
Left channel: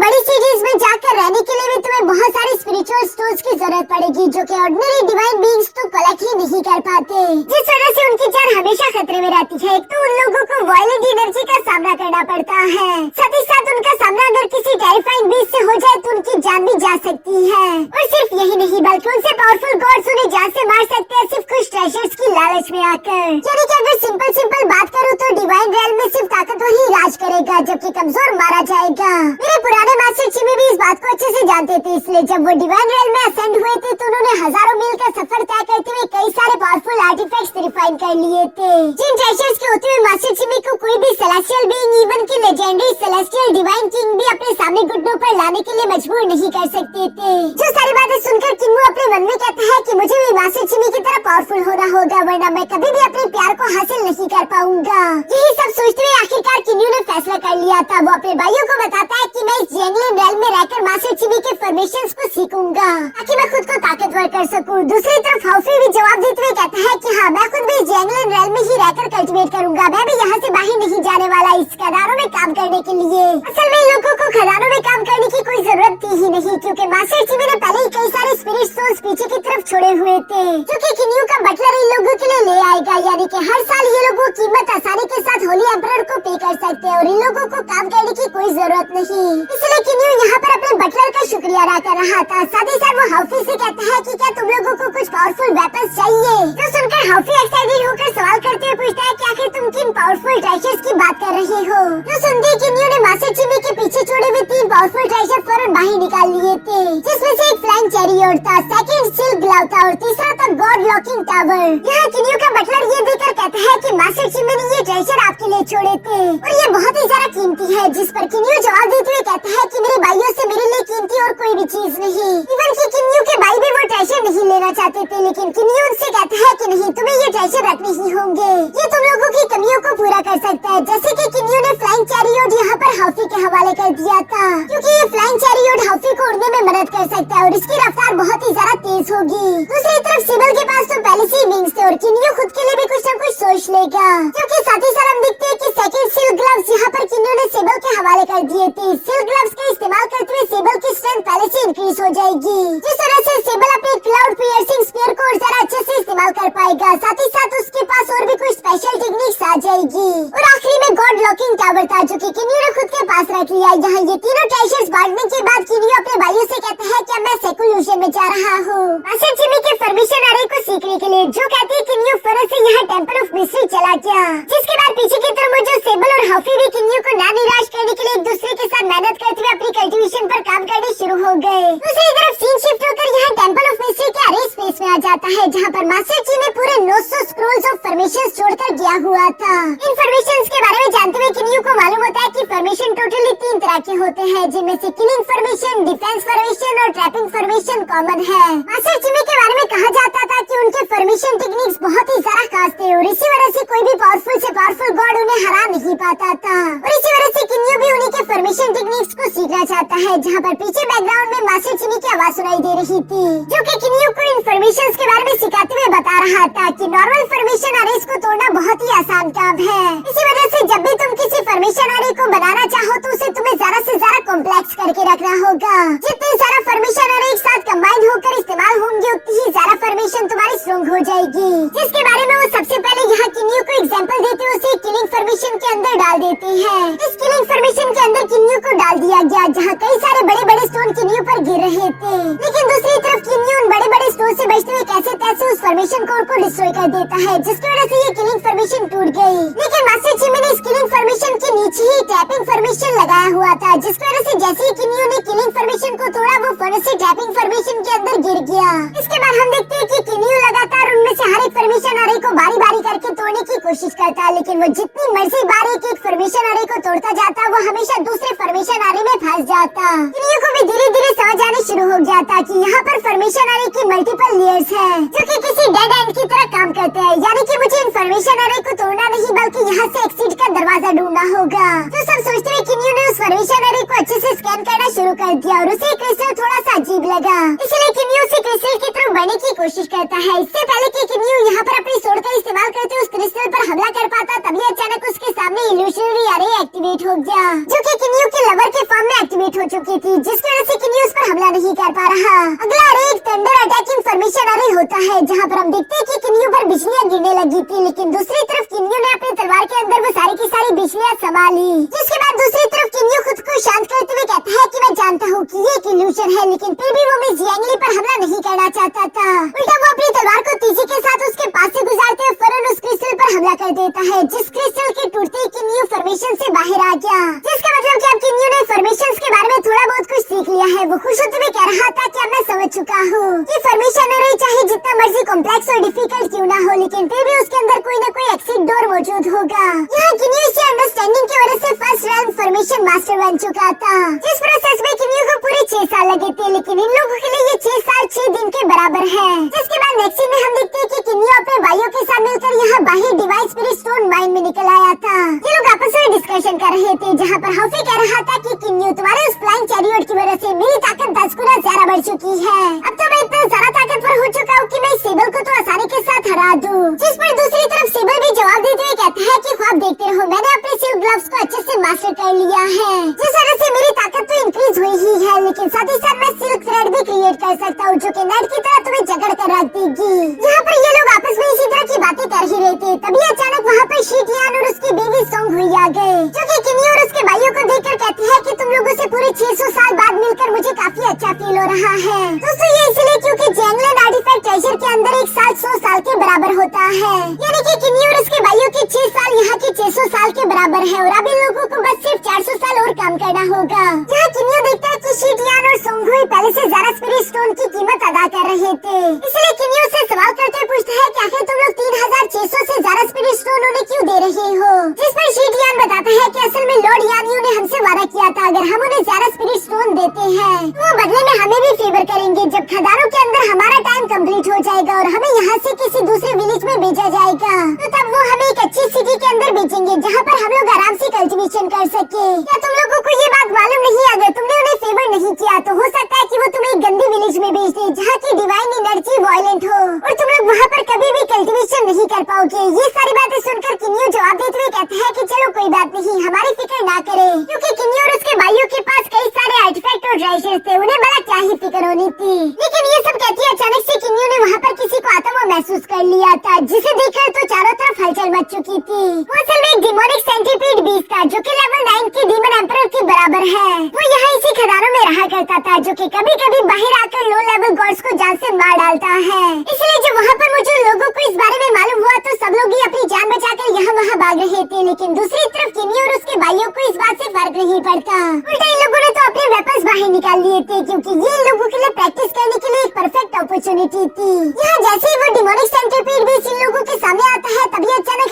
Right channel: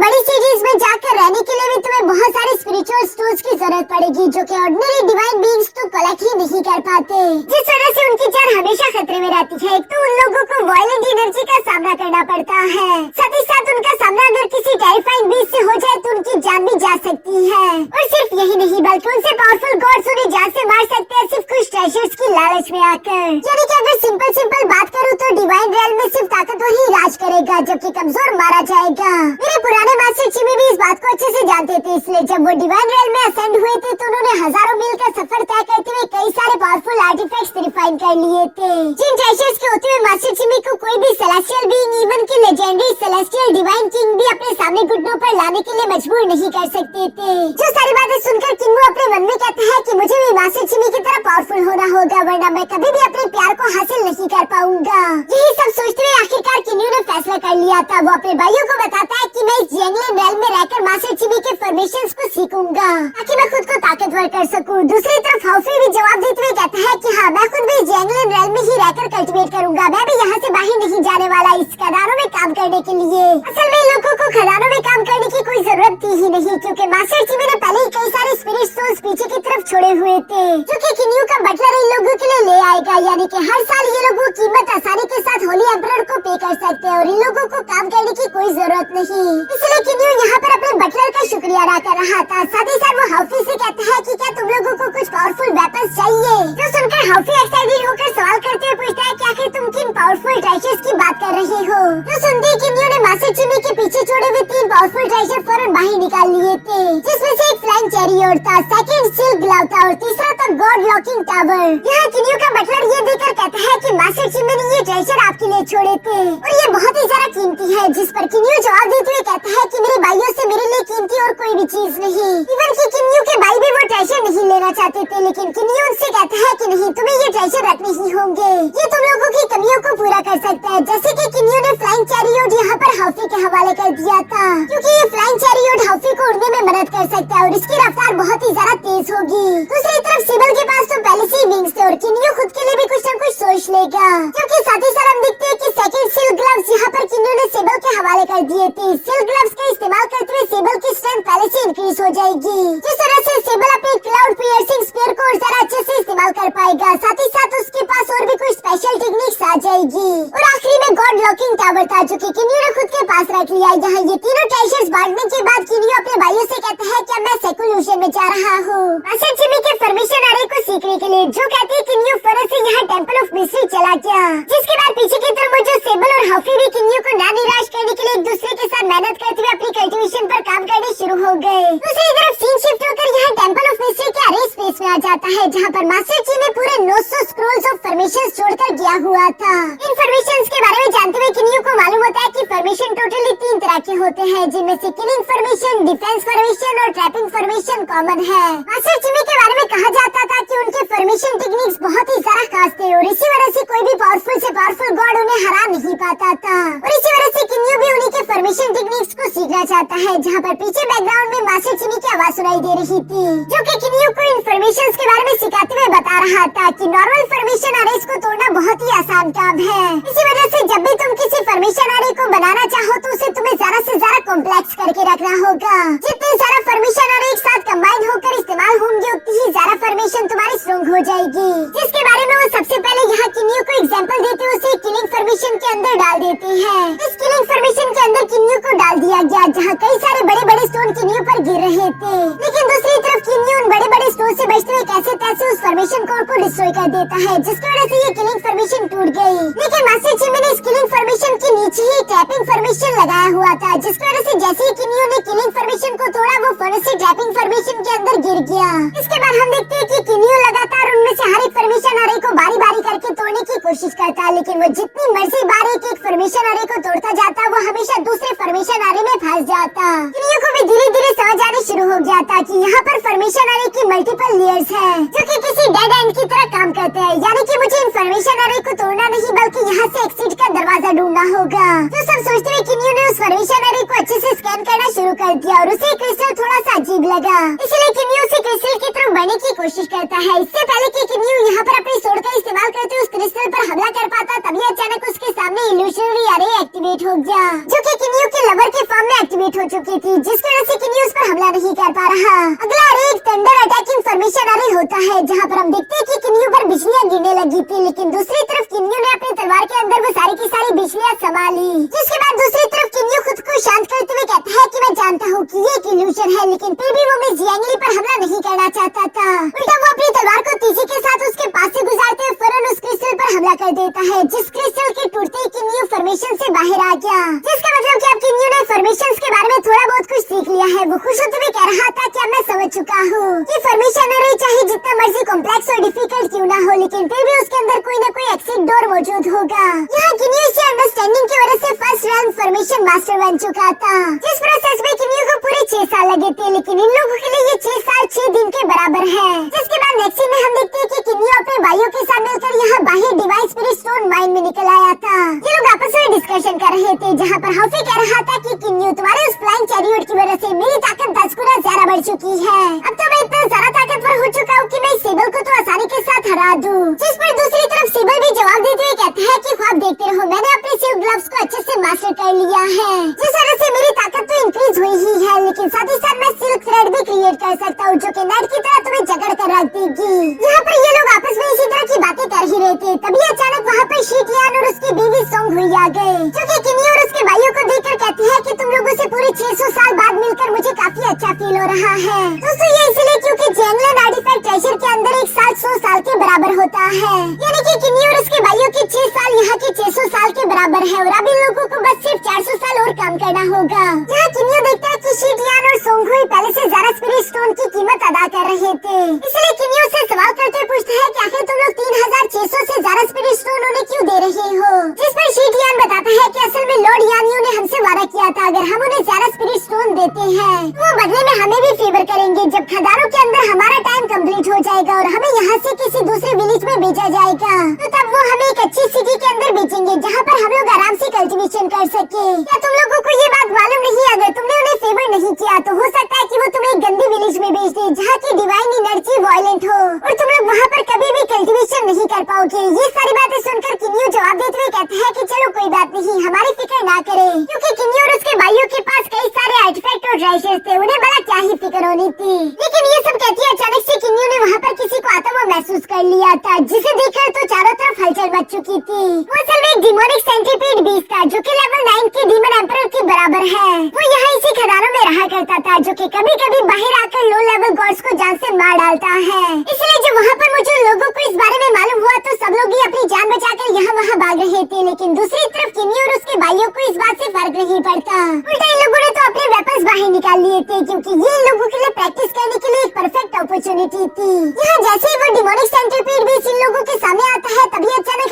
बड़ी सिटीज में जाकर रहने के लिए भी तुम्हें बहुत सारी स्पिरिचुअल स्टोन्स की जरूरत पड़ेगी, जो कि ऑर्डिनरी डिवाइन बीइंग्स तो कलेक्ट ही नहीं कर पाते, जिस वजह से उनकी जान हमेशा खतरे में रहती है। एक तो उन लोगों को वायलेंट एनर्जी का सामना करना पड़ता है, साथ ही साथ उनका सामना अगर किसी टेरिफाइंग बीस्ट से हो जाए तो उनकी जान भी जा सकती है, और सिर्फ यही नहीं बल्कि उनसे पावरफुल गॉड्स उन्हें जान से मार सकते हैं सिर्फ कुछ ट्रेजर्स की लालच में आकर। यानी कि अगर सिंपल बात करूँ तो डिवाइन रेल में सिर्फ ताकतवर ही राज करेगा जबकि कमजोर मारा जाएगा। मेरे पुराने मास्टर चिमी भी इस बात को अच्छे से जानते थे, इसलिए जब वो डिवाइन रेल में असेंड हुए थे तो उन्होंने हजारों मील का सफर तय करते हुए कई सारे पावरफुल आर्टिफैक्ट्स रिफाइन कर लिए थे, जिन ट्रेजर्स के होते हुए मास्टर चिमी को कोई भी सेलेस्टियल बीइंग इवन की लेजेंडरी सेलेस्टियल डिवाइन किंग भी अपने सामने घुटनों पर लाने के लिए मजबूर नहीं कर सकते थे। जो सारी बातें सुनकर किन्मो अपने मन में कहता है कि मुझे भी मास्टर चिमी की तरह पावरफुल होना होगा, वरना मैं कभी भी अपने प्यार को हासिल नहीं कर पाऊंगा। यही सब सोचते हुए आखिरकार किन्यू ने फैसला कर लिया था। वो अपने भाइयों को बताता है कि मैं इस जियांगलिंग रेल में रहकर मास्टर चिमी के फॉर्मेशंस को सीखूंगा ताकि मैं खुद को ताकतवर कर सकूं। दूसरी तरफ हाउफी भी जवाब देते हुए कहता है कि हाँ, मैं खुद भी जियांगलिंग रेल में ही रहकर कल्टीवेट करूंगा, मैं भी यहाँ से बाहर नहीं जाने वाला इस खदानों में काम करने के लिए। असल में लोगों को खदानों में काम करने की कोई जरूरत थी ही नहीं, क्योंकि मास्टर चिमी ने पहले ही कई सारे स्पिरिट सोल्स पीछे की तरफ छोड़े हुए थे, जो कि किन्यू का बटलर इन लोगों के लिए ले आएगा। यानी कि हर साल ये लोग वो कीमत आसानी के साथ होली एम्परर को पे कर सकते हैं और इन लोगों को काम करने की कोई जरूरत नहीं। इसलिए किन्यू यहाँ पर अपने बटलर का शुक्रिया अदा कर रहा था। साथ ही साथ वो हाउफी से कहता है कि क्या तुम लोगों को कुछ पावरफुल वेपन्स चाहिए। तो सुनकर हाउफी एक्साइटेड होकर सवाल करते हुए पूछता है कि आखिर तुम किन पावरफुल ट्रेजर्स की बात कर रहे हो। तो सुनते ही किन्यू ने मास्टर चिमी के पीछे छोड़े हुए 3 पावरफुल ट्रेजर फौरन बाहर निकाल लिए थे, जिसमें से एक फ्लाइंग चैरियट था, सेकंड सिल्क ग्लव था और तीसरा था गॉड लॉकिंग टावर। यहाँ किन्यू का बटलर ये देखकर कहता है कि मास्टर चिमी ने ये ट्रेजर आपके लिए छोड़े थे और ये बहुत ही ज्यादा कीमती है, जिस पर किन्यू जवाब देते हुए कहता है कि मेरे भाइयों से मेरे लिए कीमती और कोई भी चीज नहीं। इवन कि किन्यू के भाई भी वो ट्रेजर नहीं लेना चाहते थे, लेकिन किन्यू उनसे कहता है कि नहीं, तुम्हें ये ट्रेजर रखने ही होंगे, ये तुम लोगों की कमियों को पूरा कर सकता है। जैसे कि किन्यू ने फ्लाइंग चैरियट यहाँ पर हाउफी के हवाले कर दिया था, क्योंकि ये फ्लाइंग चैरियट हाउफी को उड़ने में मदद कर सकता है और इसकी रफ्तार बहुत ही ज्यादा तेज होगी। दूसरी तरफ सिबल के पास तो पहले से ही विंग्स थे और किन्यू खुद के लिए भी कुछ न कुछ सोच लेगा, क्योंकि साथ ही साथ हम देखते हैं कि सेकंड सिल्क ग्लव्स यहाँ पर किन्यू ने सिबल के हवाले कर दिए थे। सिल्क ग्लव्स का इस्तेमाल करते हुए सिबल की स्ट्रेंथ पहले से इंक्रीज हो जाएगी, जिस तरह से सिबल अपने क्लाउड पियर्सिंग स्पीयर को और ज्यादा अच्छे से इस्तेमाल कर पाएगा। साथ ही साथ उसके पास और भी कुछ स्पेशल टेक्निक्स आ जाएगी। और आखिरी में गॉड लॉकिंग टावर था, जो कि किन्यू ने खुद के पास रख लिया। यहाँ ये तीनों ट्रेजर्स बांटने के बाद किन्यू अपने भाइयों से कहता है कि मैं सेकुल्यूशन में जा रहा हूँ मास्टर चिमी के फॉर्मेशन अरे को सीखने के लिए। जो कहती है किन्यू फौरन से यहाँ टेंपल ऑफ मिस्ट्री चला गया, जिसके बाद पीछे की तरफ मौजूद सेबल और हाफी ने किन्यू को ना निराश करने के लिए एक दूसरे के साथ मेहनत करते हुए अपनी कल्टीवेशन पर काम करने शुरू हो गए। दूसरी तरफ सीन शिफ्ट होकर यहाँ टेंपल ऑफ मिस्ट्री के अरे स्पेस में आ जाता है, जहाँ पर मास्टर चिमी पूरे 900 स्क्रॉल्स ऑफ फॉर्मेशंस छोड़कर गया हुआ था। इन फॉर्मेशंस के बारे में जानते हुए किन्यू को मालूम होता है कि फॉर्मेशन टोटली 3 तरह के होते हैं, जिनमें से किलिंग फॉर्मेशन, डिफेंस फॉर्मेशन और ट्रैपिंग फॉर्मेशन कॉमन है। मास्टर चिमी के बारे में कहा जाता था कि उनके फॉर्मेशन टेक्निक्स बहुत ही सारा खास थे और इसी वजह से कोई भी पावरफुल से पावरफुल गॉड उन्हें हरा नहीं पाता था। और इसी वजह से किन्यू भी उन्हीं के फॉर्मेशन टेक्निक्स को सीखना चाहता है। जहाँ पर पीछे बैकग्राउंड में मास्टर चिमी की आवाज सुनाई दे रही थी, जो कि किन्यू को इन फॉर्मेशंस के बारे में सिखाते हुए बता रहा था कि नॉर्मल फॉर्मेशन अरेज को तोड़ना बहुत ही आसान काम है। इसी वजह से जब भी तुम किसी फॉर्मेशन अरे को बनाना चाहो तो उसे तुम्हें ज्यादा से ज्यादा कॉम्प्लेक्स करके रखना होगा। जितने सारा फॉर्मेशन अरे एक साथ कंबाइन होकर इस्तेमाल होंगे उतनी ही ज्यादा फॉर्मेशन तुम्हारी स्ट्रॉन्ग हो जाएगी। जिसके बारे में वो सबसे पहले यहाँ किन्यू को एग्जांपल देती हुए उसे किलिंग फॉर्मेशन के अंदर डाल देती है। इस किलिंग फॉर्मेशन के अंदर किन्यू को डाल दिया गया, जहाँ कई सारे बड़े बड़े स्टोन किन्यू पर गिर रहे थे। लेकिन दूसरी तरफ किन्यू उन बड़े बड़े स्टोन से बचते हुए कैसे तैसे उस फॉर्मेशन कोर को डिस्ट्रॉय कर देता है, जिसकी वजह से ये किलिंग फॉर्मेशन टूट गई। लेकिन मास्टर चिमी ने इस किलिंग फॉर्मेशन के नीचे ही ट्रैपिंग फॉर्मेशन लगाया हुआ था, जिसकी वजह से जैसे ही किन्यू ने किलिंग फॉर्मेशन को तोड़ा वो फौरन से ट्रैपिंग फॉर्मेशन के अंदर गिर गया। इसके बाद हम देखते हैं कि किन्यू लगातार उनमें से हर एक फॉर्मेशन अरे को बारी बारी करके तोड़ने की कोशिश करता है, लेकिन वो जितनी मर्जी बार एक एक फॉर्मेशन अरे को तोड़ता जाता वो हमेशा दूसरे फॉर्मेशन अरे में फंस जाता। किन्यू को भी धीरे धीरे समझ आने शुरू हो गया था कि यहाँ पर फॉर्मेशन अरे की मल्टीपल लेयर्स हैं, जो कि किसी डेड एंड की तरह काम करते हैं। यानी कि मुझे इन फॉर्मेशन अरे को तोड़ना नहीं बल्कि यहाँ से एग्जिट का दरवाजा ढूंढना होगा। तो सब सोचते हुए किन्यू ने उस फॉर्मेशन अरे को अच्छे से स्कैन करना शुरू कर दिया और उसे क्रिस्टल थोड़ा सा अजीब लगा, इसलिए किन्यू उसे क्रिस्टल की तरफ बढ़ने की कोशिश करता है। इससे पहले कि किन्यू यहाँ पर अपनी सोर्ड का इस्तेमाल करते उस क्रिस्टल पर हमला कर पाता, तभी अचानक उसके सामने इल्यूशनरी अरे एक्टिवेट हो गया, जो कि किन्यू के लवर के फॉर्म में एक्टिवेट हो चुकी थी, जिसकी वजह से किन्यू उस पर हमला नहीं कर पा रहा। अगला अरे एक थंडर अटैकिंग फॉर्मेशन अरे होता है, जहाँ पर हम देखते हैं कि किन्यू पर बिजलियाँ गिरने लगी थी, लेकिन दूसरी तरफ किन्यू ने अपनी तलवार के अंदर वो सारी की सारी बिजलियाँ संभाली। जिसके बाद दूसरी तरफ किन्यू खुद को शांत करते हुए कहता है कि मैं जानता हूँ कि ये एक इल्यूशन है, लेकिन फिर भी वो मिस जियांगली पर हमला नहीं करना चाहता था। उल्टा वो अपनी तलवार को तेजी के साथ उसके पास से गुजारते हुए फौरन उस क्रिस्टल पर हमला कर देता है, जिस क्रिस्टल के टूटते ही किन्यू फॉर्मेशन से बाहर आ गया। जिसका मतलब कि अब किन्यू ने फॉर्मेशंस के बारे में थोड़ा बहुत कुछ सीख लिया है। वो खुश होते हुए कह रहा था कि अब मैं समझ चुका हूँ कि फॉर्मेशन अरे चाहे जितना मर्जी कॉम्प्लेक्स और डिफिकल्ट क्यों ना हो, लेकिन फिर भी उसके अंदर कोई न कोई एक्सिट डोर मौजूद होगा। यहाँ किन्यू इसी अंडरस्टैंडिंग की वजह से फर्स्ट रैंक फॉर्मेशन मास्टर बन चुका था। जिस प्रोसेस में किन्यू को पूरे 6 साल लगे थे, लेकिन इन लोगों के लिए ये 6 साल 6 दिन के बराबर है। जिसके बाद नेक्स्ट सीन में हम देखते हैं कि किन्यू अपने भाइयों के साथ मिलकर यहाँ बाहर डिवाइन स्पिरिट स्टोन माइन में निकल आया था। ये लोग आपस में डिस्कशन कर रहे थे, जहाँ पर हफी कह रहा था कि किन्यू तुम्हारे उस फ्लाइंग चैरियट की वजह से मेरी ताकत 10 गुना ज्यादा बढ़ चुकी है। अब तो मैं इतना ज्यादा ताकतवर हो चुका हूँ कि मैं सेबल को तो आसानी के साथ हरा दूँ। जिस पर दूसरी तरफ सेबल भी जवाब देते हुए कहता है कि ख्वाब देखते रहो, मैंने अपने सिल्क ग्लव्स को अच्छे से मास्टर कर लिया है, जिस वजह से मेरी ताकत तो इंक्रीज हुई ही है, लेकिन साथ ही साथ मैं सिल्क थ्रेड भी क्रिएट कर सकता हूँ, जो कि नेट की तरह तुम्हें जकड़ कर रख देगी। यहाँ पर ये लोग आपस में इसी तरह की बातें कर ही रहे थे, तभी अचानक वहाँ पर शीटियान और उसकी बेबी सॉन्ग हुई आ गए, जो कि किन्यू और उसके भाइयों को देखकर कहते हैं कि तुम लोगों से पूरे 600 साल बाद मिलकर मुझे काफी अच्छा फील हो रहा है। दोस्तों ये इसलिए क्योंकि जैंगलैंड आर्टिफैक्ट ट्रेजर के अंदर एक साल 100 साल के बराबर होता है, यानी कि किन्यू और उसके भाइयों के 6 साल यहाँ के 600 साल के बराबर है, और अब इन लोगों को बस सिर्फ 400 साल और कम करना होगा। यहाँ किन्यू देखता है कि शीटियान और सोंगहुई पहले से ज्यादा स्पिरिट स्टोन की कीमत अदा कर रहे थे, इसलिए किन्यू से सवाल करते पूछता है कि आखिर तुम लोग 3600 से ज्यादा स्पिरिट स्टोन उन्हें क्यों दे रहे हो। जिस पर शीटियान बताता है कि असल में लॉर्ड यानियो ने हमसे वादा किया था, अगर हम उन्हें ज्यादा स्पिरिट स्टोन देते हैं तो वो बदले में हमें भी फेवर करेंगे जब खदानों के अंदर हमारा टाइम कंप्लीट हो जाएगा और हमें यहाँ से किसी दूसरे विलेज में भेजा जाएगा, तो तब वो हमें एक अच्छी सिटी के अंदर भेजेंगे जहाँ पर हम लोग आराम से कल्टीवेशन कर सके। क्या तुम लोगों को ये बात मालूम नहीं? अगर तुमने उन्हें फेवर नहीं किया तो हो सकता है कि वो तुम्हें एक गंदी विलेज में भेज दे जहाँ की डिवाइन एनर्जी वायलेंट हो और तुम लोग वहाँ पर कभी भी कल्टीवेशन नहीं कर पाओगे। ये सारी बातें सुनकर किन्यू जवाब देते हुए कहते हैं कि चलो कोई बात नहीं, हमारी फिक्र ना करे, क्योंकि किन्यू और उसके भाइयों के पास कई सारे आर्टिफैक्ट और ट्रेजर्स थे, उन्हें बड़ा क्या ही फिक्र होनी थी। लेकिन ये सब कहती है अचानक से किन्यू ने वहाँ पर किसी को आता हुआ महसूस कर लिया था, जिसे देखकर तो चारों तरफ हलचल मच चुकी थी। वो असल में एक डिमोनिक सेंट्रीपीड बीस्ट था, जो कि लेवल 9 की डीमन एम्परर के बराबर है। वो यहाँ इसी खदानों में रहा करता था, जो कि कभी कभी बाहर आकर लो लेवल गॉड्स को जान से मार डालता है। इसलिए जब वहाँ पर मौजूद लोगों को इस बारे में मालूम हुआ तो सब लोग ही अपनी जान बचाकर यहाँ वहाँ भाग रहे थे, लेकिन दूसरी तरफ किन्यू और उसके भाइयों को इस बात से फर्क नहीं पड़ता। उल्टा इन लोगों ने तो अपने वेपन्स बाहर निकाल लिए थे, क्योंकि ये इन लोगों के लिए प्रैक्टिस करने के लिए एक परफेक्ट अपॉर्चुनिटी थी। यहाँ जैसे ही वो डिमोनिक सेंट्रीपीड बीस्ट इन